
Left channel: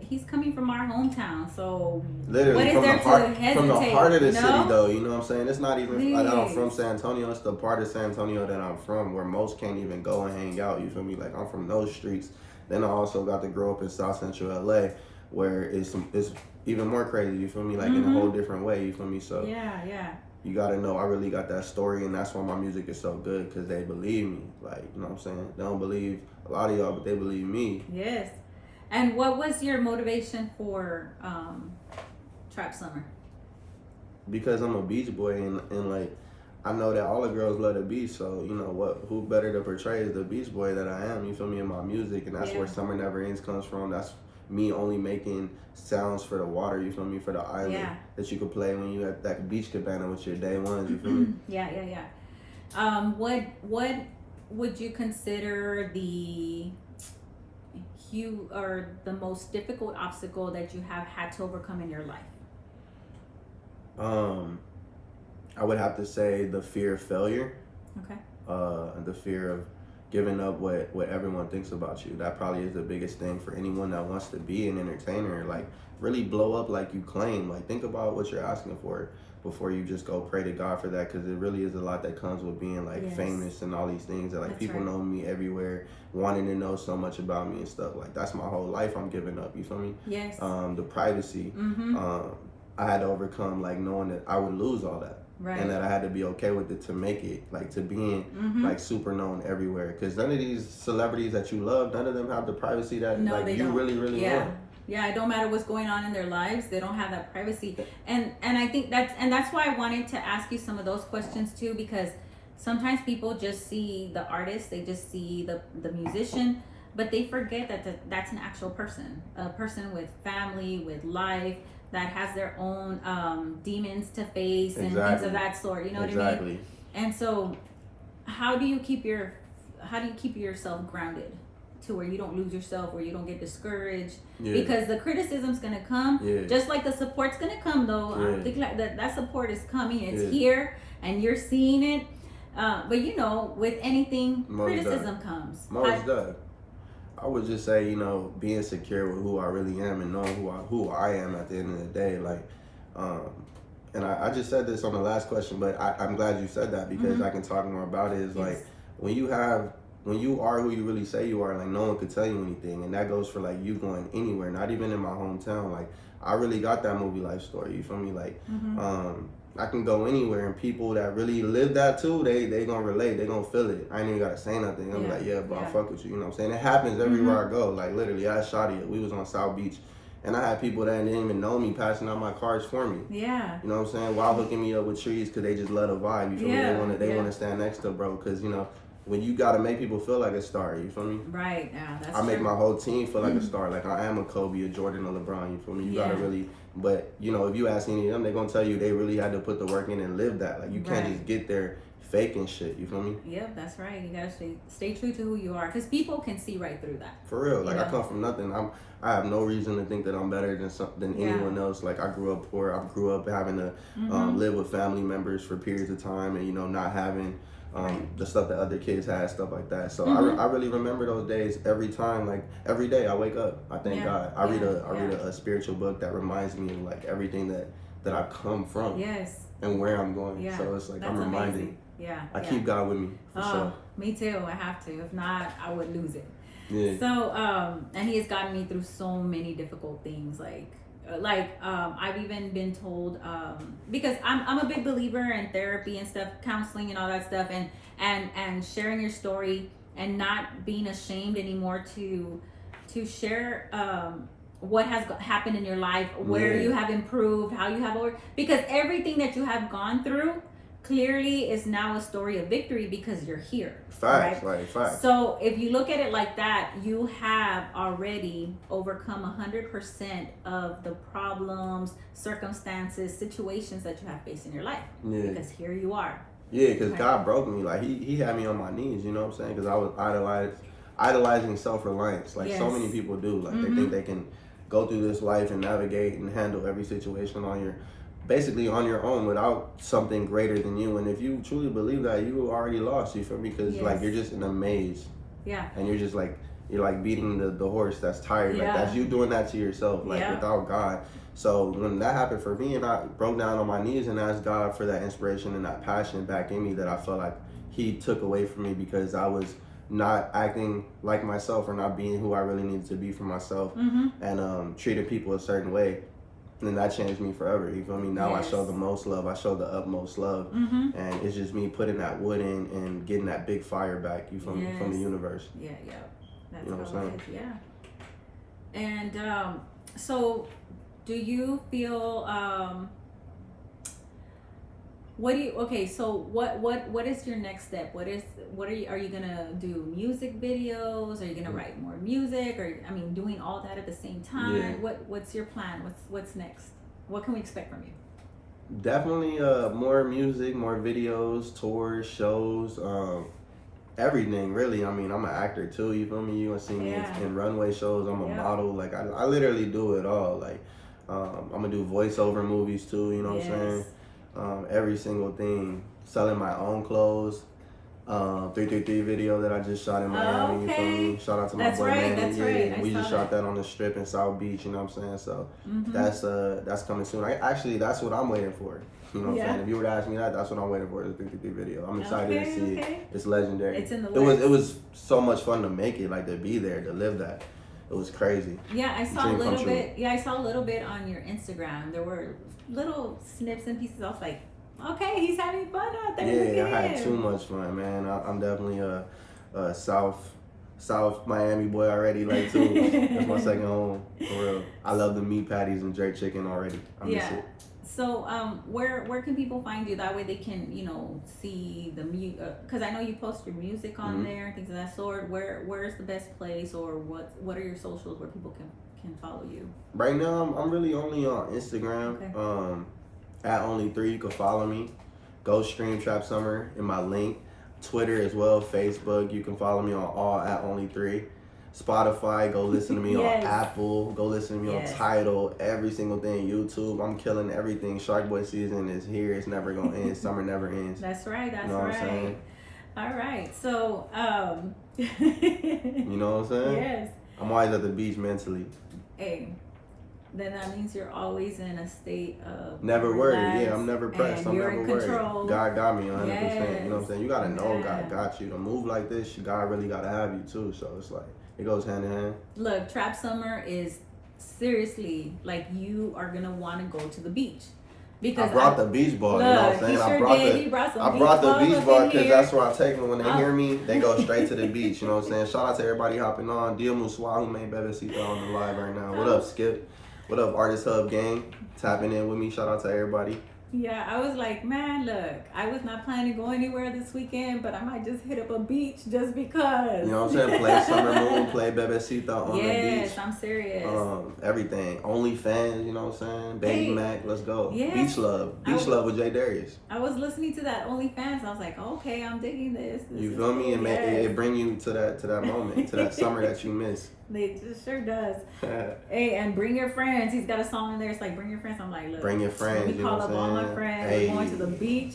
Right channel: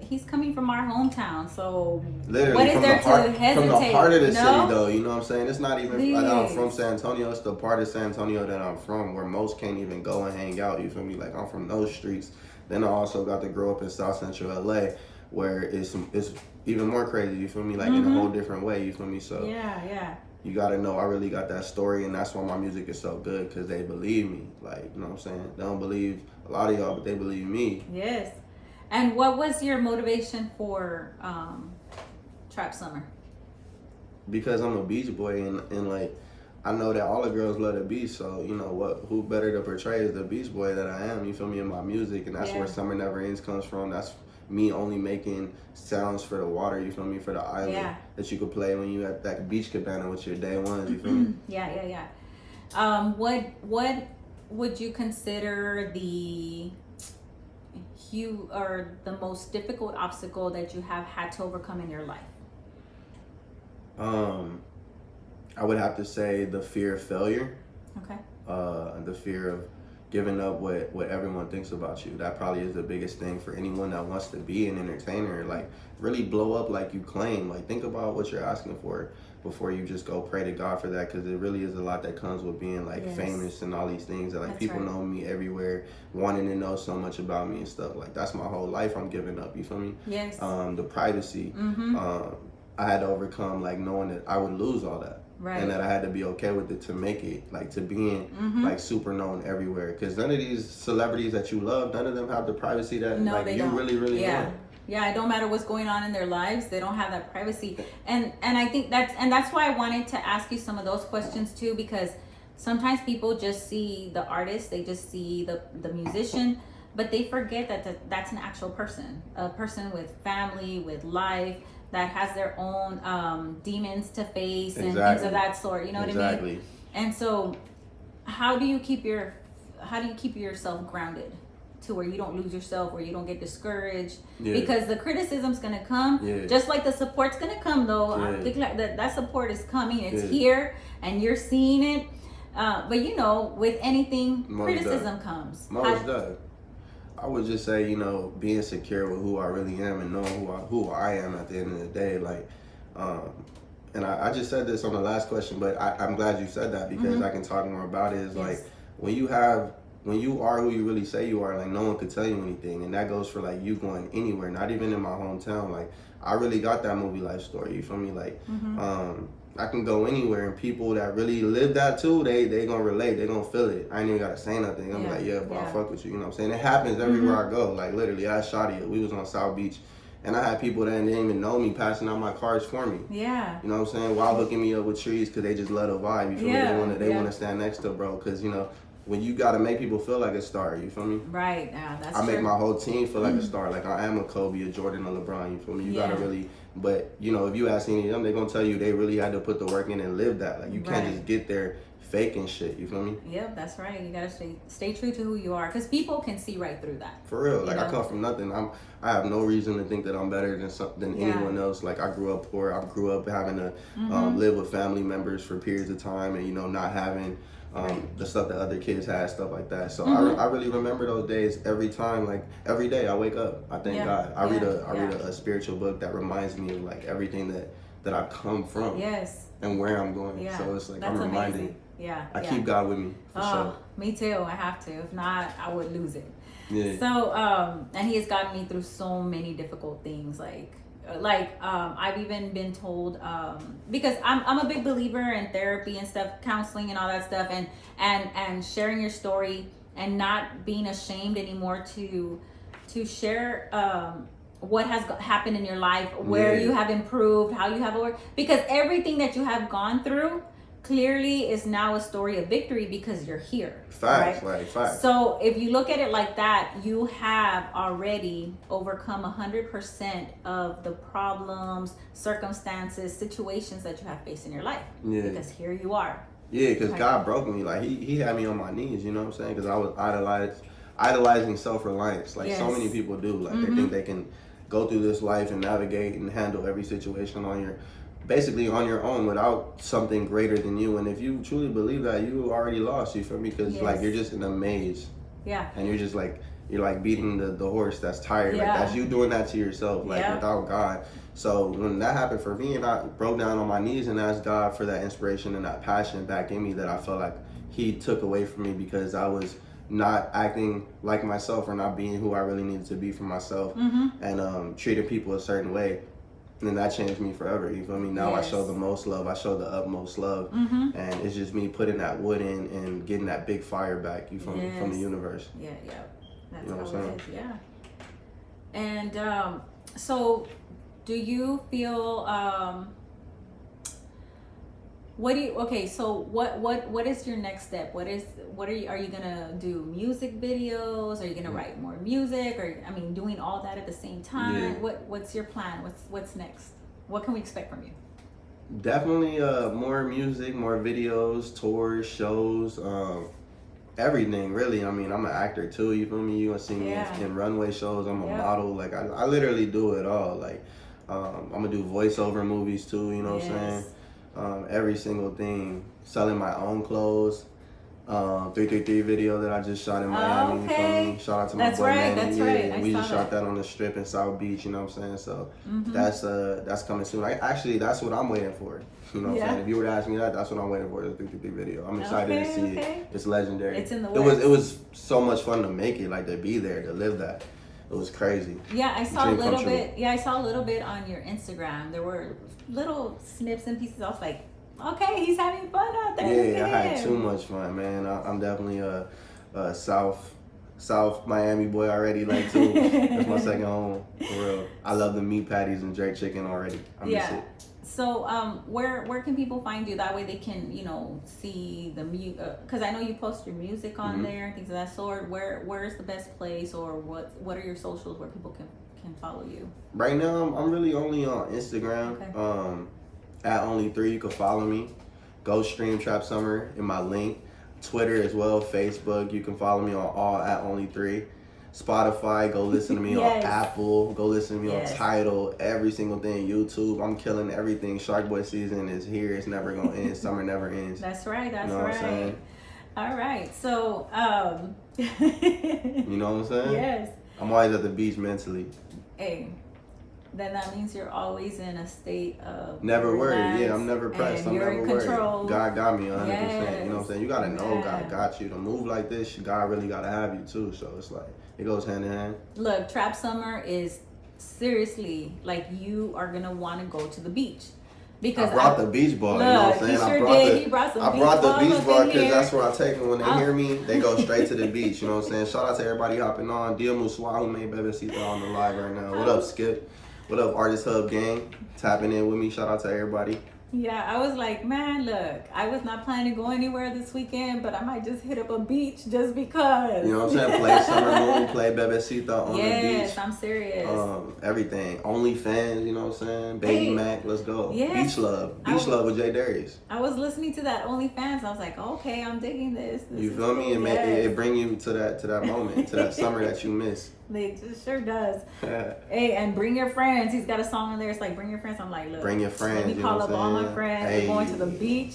he's coming from our hometown. So Literally what is from there the heart, to hesitate? from the heart of the you city, know? though. You know what I'm saying? It's not even like I'm Please. from San Antonio. It's the part of San Antonio that I'm from, where most can't even go and hang out. You feel me? Like I'm from those streets. Then I also got to grow up in South Central LA, where it's even more crazy. You feel me? Like in a whole different way. You feel me? So Yeah. you gotta know I really got that story, and that's why my music is so good, because they believe me. Like, you know what I'm saying? They don't believe a lot of y'all, but they believe me. Yes. And what was your motivation for Trap Summer? Because I'm a beach boy, and like I know that all the girls love the beach, so you know what? Who better to portray as the beach boy that I am? You feel me? In my music, and that's where Yeah. Summer Never Ends comes from. That's me only making sounds for the water. You feel me? For the island Yeah. that you could play when you at that beach cabana with your day ones. You feel me? Yeah. What would you consider the the most difficult obstacle that you have had to overcome in your life? I would have to say the fear of failure. Okay. The fear of giving up what everyone thinks about you. That probably is the biggest thing for anyone that wants to be an entertainer. Like, really blow up like you claim. Like, think about what you're asking for before you just go pray to God for that, because it really is a lot that comes with being like Yes. famous and all these things that like That's people right. know me everywhere, wanting to know so much about me and stuff. Like, that's my whole life I'm giving up. You feel me? Yes. The privacy. Mm-hmm. I had to overcome like knowing that I would lose all that. Right. And that I had to be okay with it to make it, like to being like super known everywhere. Because none of these celebrities that you love, none of them have the privacy that like you don't. really yeah. want. Yeah, it don't matter what's going on in their lives. They don't have that privacy. And I think that's why I wanted to ask you some of those questions too, because sometimes people just see the artist, they just see the musician, but they forget that that's an actual person, a person with family, with life, that has their own demons to face and things of that sort. You know what I mean? And so, how do you keep yourself grounded to where you don't lose yourself, where you don't get discouraged? Because the criticism's gonna come, just like the support's gonna come. Though I think like that support is coming. It's here, and you're seeing it. But you know, with anything, criticism comes. Most does. I would just say, you know, being secure with who I really am and knowing who I am at the end of the day. Like, and I just said this on the last question, but I'm glad you said that because I can talk more about it. Is like when you are who you really say you are, like no one could tell you anything, and that goes for like you going anywhere, not even in my hometown. Like I really got that movie life story. You feel me? Like, I can go anywhere, and people that really live that too, they gonna relate, they gonna feel it. I ain't even gotta say nothing. I'm like, bro, I fuck with you. You know what I'm saying? It happens everywhere I go. Like literally, I shot it. We was on South Beach, and I had people that didn't even know me passing out my cards for me. Yeah. You know what I'm saying? While hooking me up with trees, because they just love a vibe. You feel me? They wanna stand next to bro, because you know, when you gotta make people feel like a star, you feel me? Right. Yeah, that's I make my whole team feel like a star. Like I am a Kobe, a Jordan, a LeBron. You feel me? You gotta really. But you know, if you ask any of them, they're gonna tell you they really had to put the work in and live that. Like you can't just get there faking shit. You feel me? Yep, that's right. You gotta stay true to who you are, because people can see right through that. For real. Like I come from nothing. I have no reason to think that I'm better than anyone else. Like I grew up poor. I grew up having to live with family members for periods of time, and you know, not having the stuff that other kids had, stuff like that. So I really remember those days every time. Like every day I wake up, I thank God. I read a spiritual book that reminds me of like everything that I've come from. Yes. And where I'm going. Yeah. So it's like That's I'm reminded. amazing. Yeah. I keep God with me for sure. Me too. I have to. If not, I would lose it. Yeah. So and he has gotten me through so many difficult things. I've even been told because I'm a big believer in therapy and stuff, counseling and all that stuff, and sharing your story and not being ashamed anymore to share what has happened in your life, where you have improved, how you have worked, because everything that you have gone through clearly is now a story of victory because you're here. Facts, right? like facts. So if you look at it like that, you have already overcome 100% of the problems, circumstances, situations that you have faced in your life. Yeah. Because here you are. Yeah, because God broke me. Like he had me on my knees. You know what I'm saying? Because I was idolizing self-reliance. Like so many people do. Like they think they can go through this life and navigate and handle every situation on your own without something greater than you. And if you truly believe that, you already lost. You feel me? Because like you're just in a maze. Yeah. And you're just like beating the horse that's tired. Like that's you doing that to yourself. Like without God. So when that happened for me, and I broke down on my knees and asked God for that inspiration and that passion back in me that I felt like He took away from me because I was not acting like myself or not being who I really needed to be for myself, and treating people a certain way. And then that changed me forever. You feel me? Now I show the most love. I show the utmost love. And it's just me putting that wood in and getting that big fire back. You feel me? From the universe. Yeah. That's you know what I'm saying? Yeah. And so, do you feel? What is your next step? Are you gonna do music videos? Are you gonna write more music? Or doing all that at the same time? Yeah. What's your plan? What's next? What can we expect from you? Definitely more music, more videos, tours, shows, everything really. I'm an actor too, you feel me? You gonna see me in runway shows. I'm a model. Like I literally do it all. Like I'm gonna do voiceover movies too, you know what I'm saying? Every single thing, selling my own clothes, 333 video that I just shot in Miami. You feel me? Shout out to my boy Manny. Yeah, we just shot that on the strip in South Beach. You know what I'm saying? So that's coming soon. That's what I'm waiting for. You know what I'm saying? If you were to ask me that's what I'm waiting for, the 333 video. I'm excited to see it. It's legendary. It's in the works. It was so much fun to make it, like to be there, to live that. It was crazy. Yeah, I saw a Dream come little true. bit. Yeah, I saw a little bit on your Instagram. There were little snips and pieces. I was like, okay, he's having fun out there. Yeah, Look I at had him. too much fun, man. I'm definitely a South Miami boy already, like too. That's my second home, for real. I love the meat patties and jerk chicken already. I miss Yeah. it. So, where can people find you? That way they can, see the because I know you post your music on Mhm. there and things of that sort. Where's the best place, or what are your socials where people can follow you? Right now, I'm really only on Instagram. Okay. At Only3, you can follow me. Go stream Trap Summer in my link. Twitter as well, Facebook. You can follow me on all at Only3. Spotify, go listen to me Yes. on Apple. Go listen to me Yes. on Tidal. Every single thing. YouTube. I'm killing everything. Shark Boy season is here. It's never gonna end. Summer never ends. That's right. That's You know what right. I'm saying? All right. So, You know what I'm saying? yes. I'm always at the beach mentally. Hey, then that means you're always in a state of Never worried. relax, Yeah, I'm never pressed. and I'm you're never in worried. control. God got me 100%. You know what I'm Yes. saying? You gotta know Yeah. God got you. To move like this, God really gotta have you too. So it's like, it goes hand in hand. Look, Trap Summer is seriously like you are gonna want to go to the beach because I brought the beach ball. You know what I'm saying? He sure I brought did. the He brought some I brought the balls beach up ball in because here. that's where I take them. When they Oh. hear me, they go straight to the beach. You know what I'm saying? Shout out to everybody hopping on. Dia Muswa, who made Bebecita on the live right now. What up, Skip? What up, Artist Hub gang? Tapping in with me. Shout out to everybody. Yeah, I was like, man, look, I was not planning to go anywhere this weekend, but I might just hit up a beach just because. You know what I'm saying? Play Summer Moon, play Bebecita on the beach. Yes, I'm serious. Everything. OnlyFans, you know what I'm saying? Baby Hey, Mac, let's go. yes. Beach Love. Beach I- Love with Jay Darius. I was listening to that OnlyFans. I was like, okay, I'm digging this. You feel me? It bring you to that moment, to that summer that you miss. It sure does. Hey, and bring your friends. He's got a song on there. It's like, bring your friends. I'm like, look. Bring your friends, Let me you know call what up I'm all my saying? friends. Hey. We're going to the beach.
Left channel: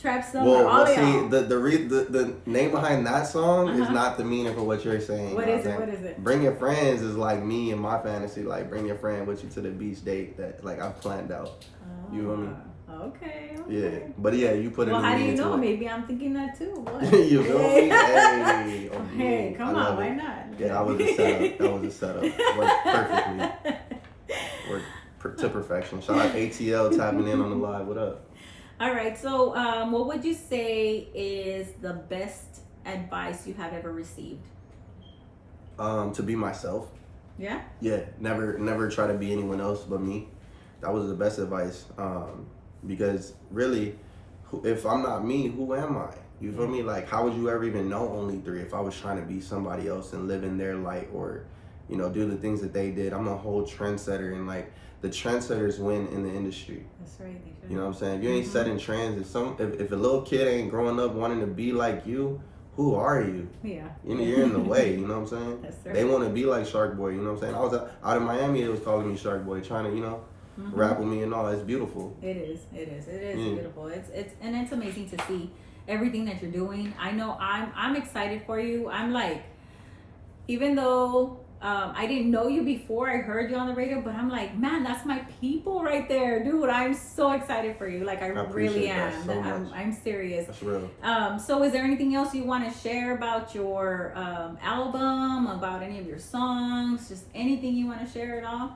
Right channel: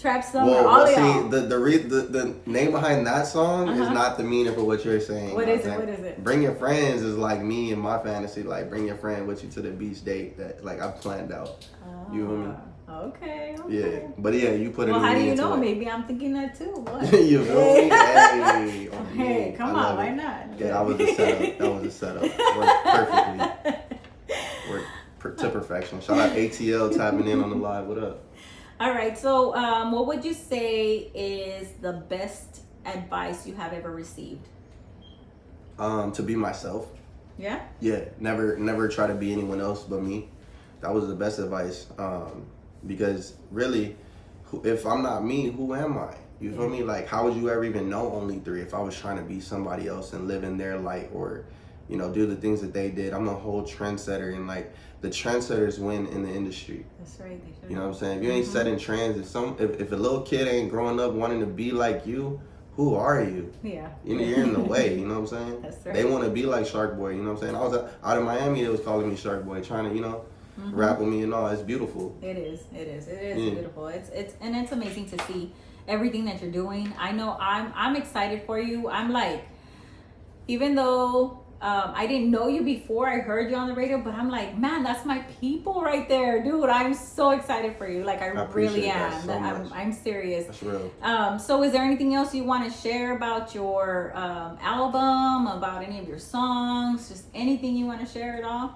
Trap Summer. Well, all of see, y'all. the name behind that song is Uh-huh. not the meaning for what you're saying. What you know is it? I'm saying? What is it? Bring your friends is like me and my fantasy. Like, bring your friend with you to the beach date that like I've planned out. You feel me? Okay. Yeah, but yeah, you put a Well, new how do you meaning know? to it. Maybe I'm thinking that too. What? You feel me? Hey, on Hey, me. come I on, love why it. not? Yeah, that was a setup. That was a setup. Worked perfectly. Worked to perfection. Shout out ATL tapping in on the live. What up? All right. So, what would you say is the best advice you have ever received? To be myself. Yeah. Yeah, never try to be anyone else but me. That was the best advice. Because really, if I'm not me, who am I? You feel me? Like, how would you ever even know Only3 if I was trying to be somebody else and live in their light or, do the things that they did? I'm a whole trendsetter, and like the trendsetters win in the industry. That's right. They sure You know what I'm saying? If you ain't Mhm. setting trends, if a little kid ain't growing up wanting to be like you, who are you? Yeah. You're in the way, you know what I'm saying? That's right. They want to be like Shark Boy, you know what I'm saying? I was out in Miami, they was calling me Shark Boy, trying to, Mhm. rap with me and all. It's beautiful. It is Yeah. beautiful. It's amazing to see everything that you're doing. I know I'm excited for you. I'm like, even though I didn't know you before I heard you on the radio, but I'm like, man, that's my people right there, dude. I'm so excited for you. Like, I appreciate really that am. so much. I'm serious. That's real. So is there anything else you want to share about your album, about any of your songs, just anything you want to share at all?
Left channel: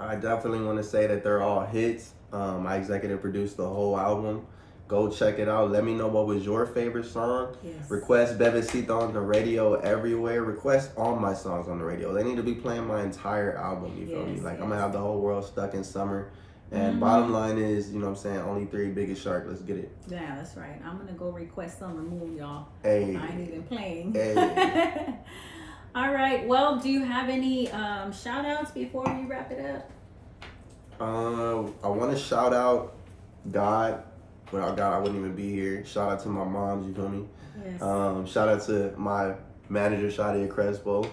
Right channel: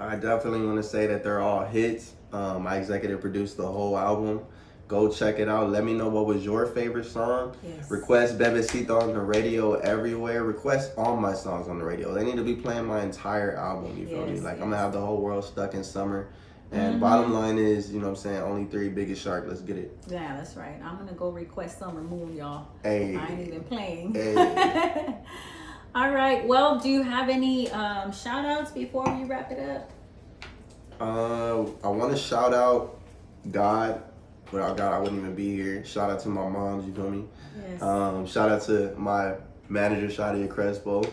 I definitely want to say that they're all hits. I executive produced the whole album. Go check it out. Let me know what was your favorite song. Yes. Request Bebecita on the radio everywhere. Request all my songs on the radio. They need to be playing my entire album. You feel me? Yes, Like, yes. I'm going to have the whole world stuck in summer. And Mhm. bottom line is, you know what I'm saying, Only3 biggest shark. Let's get it. Yeah, that's right. I'm gonna go request Summer Moon, y'all. Hey. I ain't even playing. Hey. All right. Well, do you have any shout outs before we wrap it up? I want to shout out God. Without God, I wouldn't even be here. Shout out to my moms, you feel me? Yes. Shout out to my manager, Shadia Crespo.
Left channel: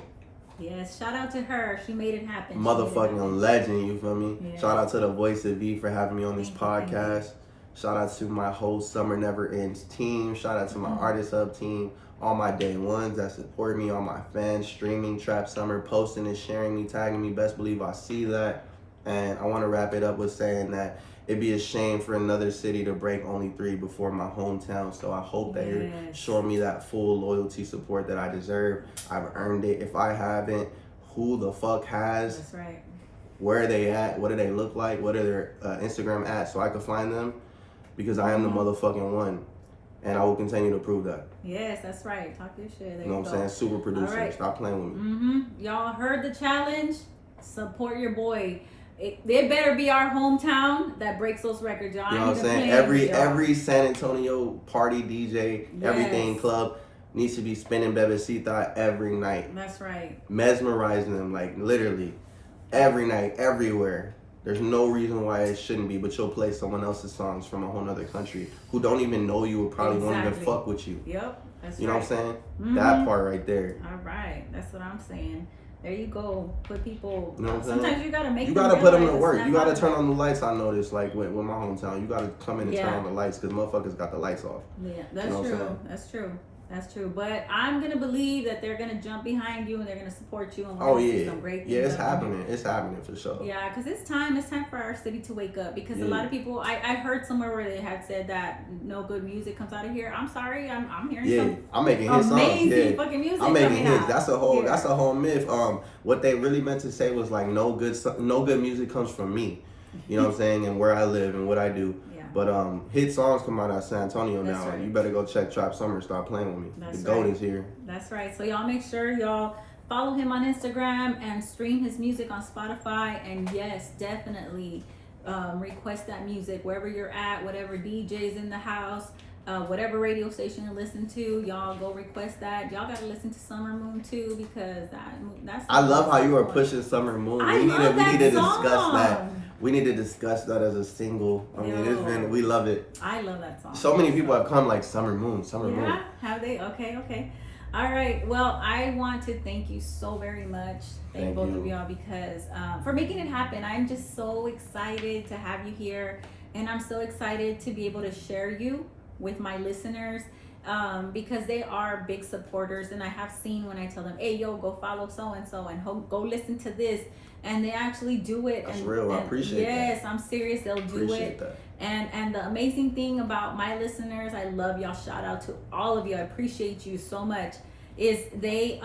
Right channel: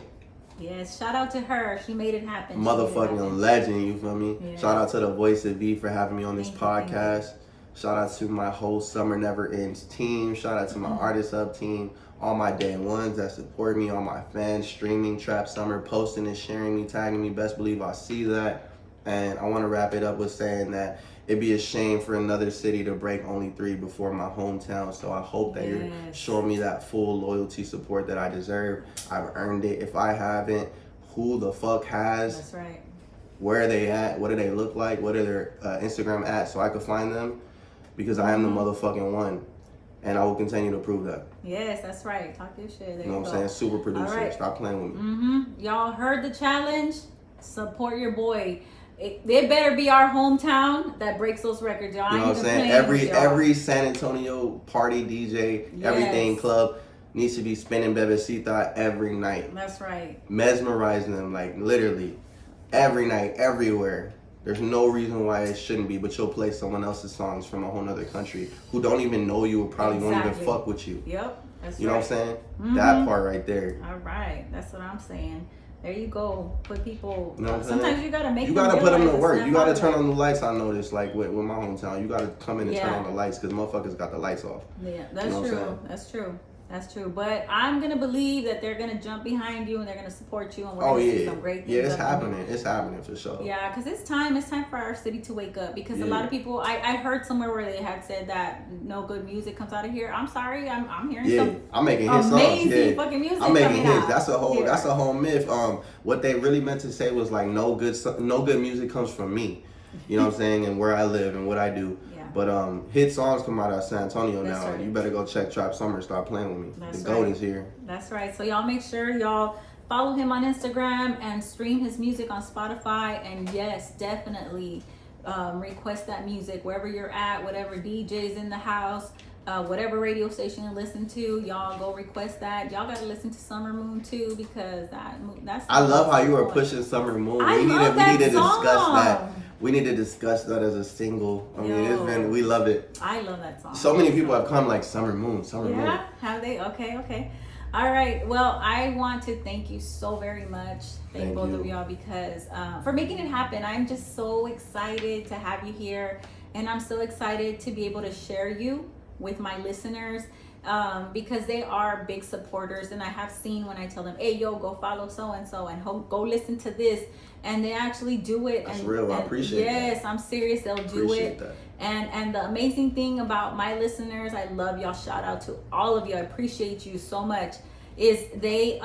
Yes. Shout out to her. She made it happen. She made it Motherfucking happen. legend, you feel me? Yeah. Shout out to the Voice of V for having me on this Thank you, thank you. podcast. Shout out to my whole Summer Never Ends team. Shout out to my Mhm. Artist Hub team. All my day ones that support me. All my fans streaming Trap Summer, posting and sharing me, tagging me. Best believe I see that. And I want to wrap it up with saying that it'd be a shame for another city to break Only3 before my hometown. So I hope that you're Yes. showing me that full loyalty support that I deserve. I've earned it. If I haven't, who the fuck has, That's right. where are they at, what do they look like, what are their Instagram at, so I could find them, because I am the motherfucking one, and I will continue to prove that. Yes, that's right. Talk your shit. There You know what I'm saying? Super producer. right. Stop playing with me. Y'all heard the challenge. Support your boy. It better be our hometown that breaks those records, y'all. You know what I'm saying? Every San Antonio party, DJ, everything club needs to be spinning Bebecita every night. That's right. Mesmerizing them, like literally every night, everywhere. There's no reason why it shouldn't be, but you'll play someone else's songs from a whole nother country who don't even know you or probably won't even fuck with you. Yep. That's You know right. what I'm saying? That part right there. All right. That's what I'm saying. There you go. Put people. You know what I'm sometimes saying? you gotta make. You gotta put them to realize work. it's You not gotta hard. turn on the lights. I noticed, like with my hometown, you gotta come in and turn Yeah. on the lights because motherfuckers got the lights off. Yeah, that's You know what I'm true. saying? That's true. That's true. But I'm gonna believe that they're gonna jump behind you and they're gonna support you and we're Oh gonna see yeah, some great things. yeah, it's up and happening. It's happening for sure. Yeah, because it's time for our city to wake up. Because a Yeah. lot of people, I heard somewhere where they had said that no good music comes out of here. I'm sorry, I'm hearing Yeah, some I'm making hit songs. amazing Yeah, fucking music. I'm making coming hits. out. That's a whole. Yeah. That's a whole myth. What they really meant to say was like no good music comes from me. You know what I'm saying? And where I live and what I do. Yeah. But hit songs come out of San Antonio That's now. right. You better go check Trap Summer. Stop playing with me. That's the GOAT right. is here. That's right. So y'all make sure y'all follow him on Instagram and stream his music on Spotify. And yes, definitely request that music wherever you're at, whatever DJ's in the house, whatever radio station you listen to. Y'all go request that. Y'all gotta listen to Summer Moon too because that's. I love how you are pushing Summer Moon. I We need love to that discuss that. song. We need to discuss that as a single. I mean, Yo. we love it. I love that song. So many people have come like Summer Moon, Summer Moon. Yeah, have they? Okay. All right. Well, I want to thank you so very much. Thank both you. of y'all because for making it happen. I'm just so excited to have you here, and I'm so excited to be able to share you with my listeners because they are big supporters, and I have seen when I tell them, "Hey, yo, go follow so and so, and go listen to this," and they actually do it. That's and, real. I and appreciate that. Yes, I'm serious. They'll do Appreciate it. that. And the amazing thing about my listeners, I love y'all. Shout out to all of you. I appreciate you so much. Is they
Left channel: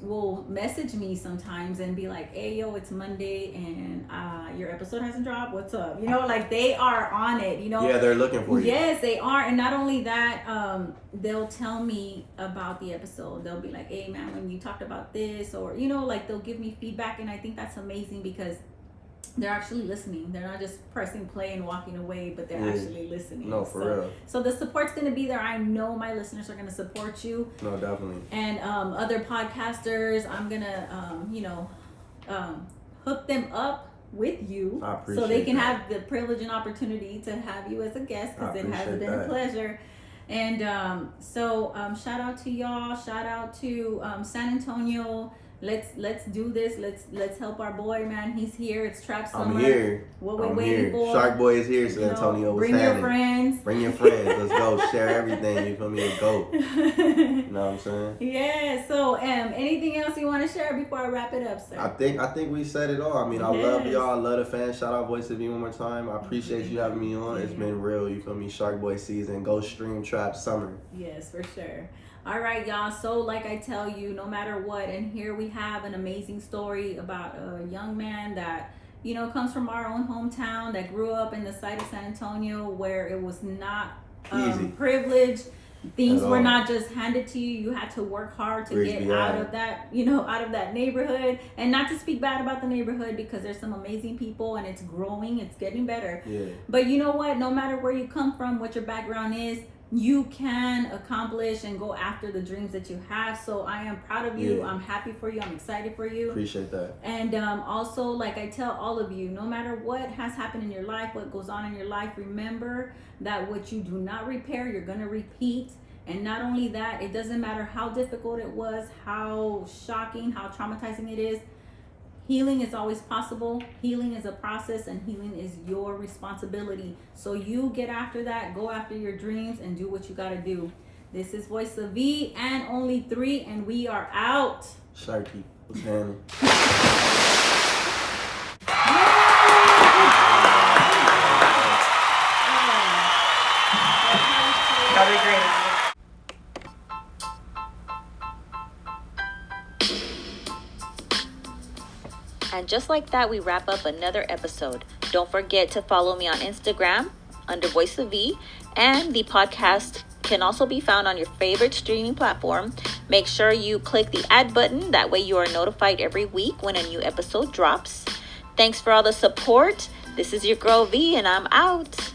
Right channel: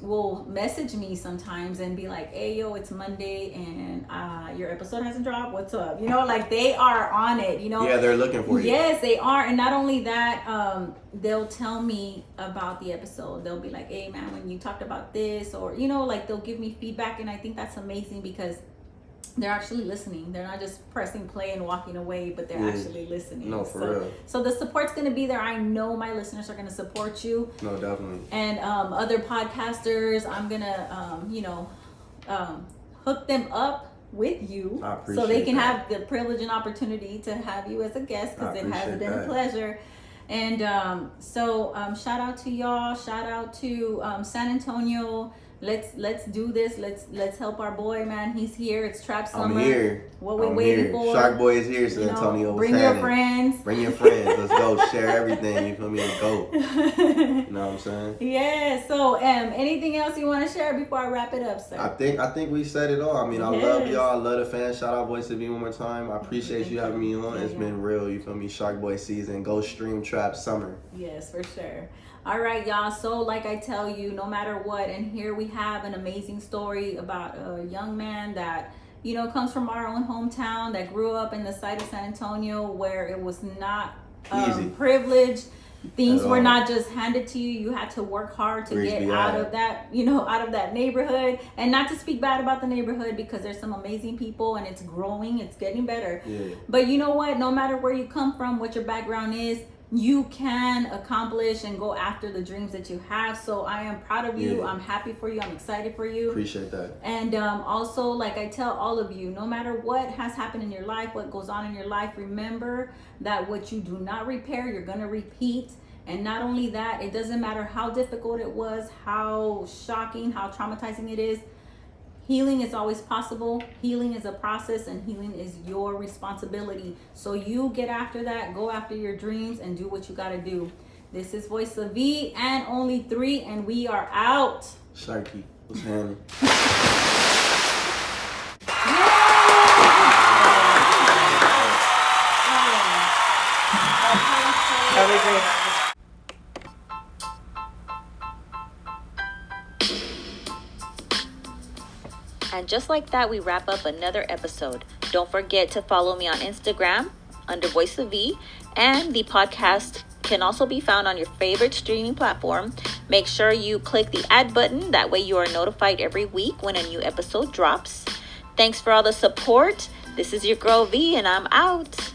will message me sometimes and be like, "Hey, yo, it's Monday and your episode hasn't dropped. What's up?" You know, like they are on it. You know. Yeah, they're looking for you. Yes, they are. And not only that, they'll tell me about the episode. They'll be like, "Hey, man, when you talked about this," or you know, like they'll give me feedback, and I think that's amazing because they're actually listening. They're not just pressing play and walking away, but they're actually listening. No, for real. So the support's going to be there. I know my listeners are going to support you. No, definitely. And other podcasters, I'm going to hook them up with you I appreciate so they can that. have the privilege and opportunity to have you as a guest because I it has appreciate been a that. pleasure. And shout out to y'all. Shout out to San Antonio. Let's do this. Let's help our boy, man. He's here. It's Trap Summer. I'm here. What we're I'm waiting here. for. Shark Boy is here, You San know, Antonio. What's bring your happening? friends. Bring your friends. Let's go. Share everything. You feel me? To go. You know what I'm saying? Yeah. So, anything else you want to share before I wrap it up, sir? I think we said it all. I mean, I love Yes. y'all. I love the fans. Shout out Voice of You one more time. I appreciate you having me on. It's been real. You feel me? Shark Boy season. Go stream Trap Summer. Yes, for sure. All right, y'all. So, like I tell you, no matter what, and here we have an amazing story about a young man that, you know, comes from our own hometown that grew up in the site of San Antonio where it was not Easy. privileged. Things At were all. not just handed to you. You had to work hard to Praise get be out God. of that, you know, out of that neighborhood. And not to speak bad about the neighborhood because there's some amazing people and it's growing, it's getting better. Yeah. But you know what? No matter where you come from, what your background is, you can accomplish and go after the dreams that you have. So I am proud of you. Yeah. I'm happy for you. I'm excited for you. Appreciate that. And also, like I tell all of you, no matter what has happened in your life, what goes on in your life, remember that what you do not repair, you're going to repeat. And not only that, it doesn't matter how difficult it was, how shocking, how traumatizing it is. Healing is always possible. Healing is a process and healing is your responsibility. So you get after that, go after your dreams and do what you got to do. This is Voice of V and Only 3 and we are out. Sharky. What's happening? That'll be great. And just like that, we wrap up another episode. Don't forget to follow me on Instagram under Voice of V, and the podcast can also be found on your favorite streaming platform. Make sure you click the add button. That way you are notified every week when a new episode drops. Thanks for all the support. This is your girl V, and I'm out.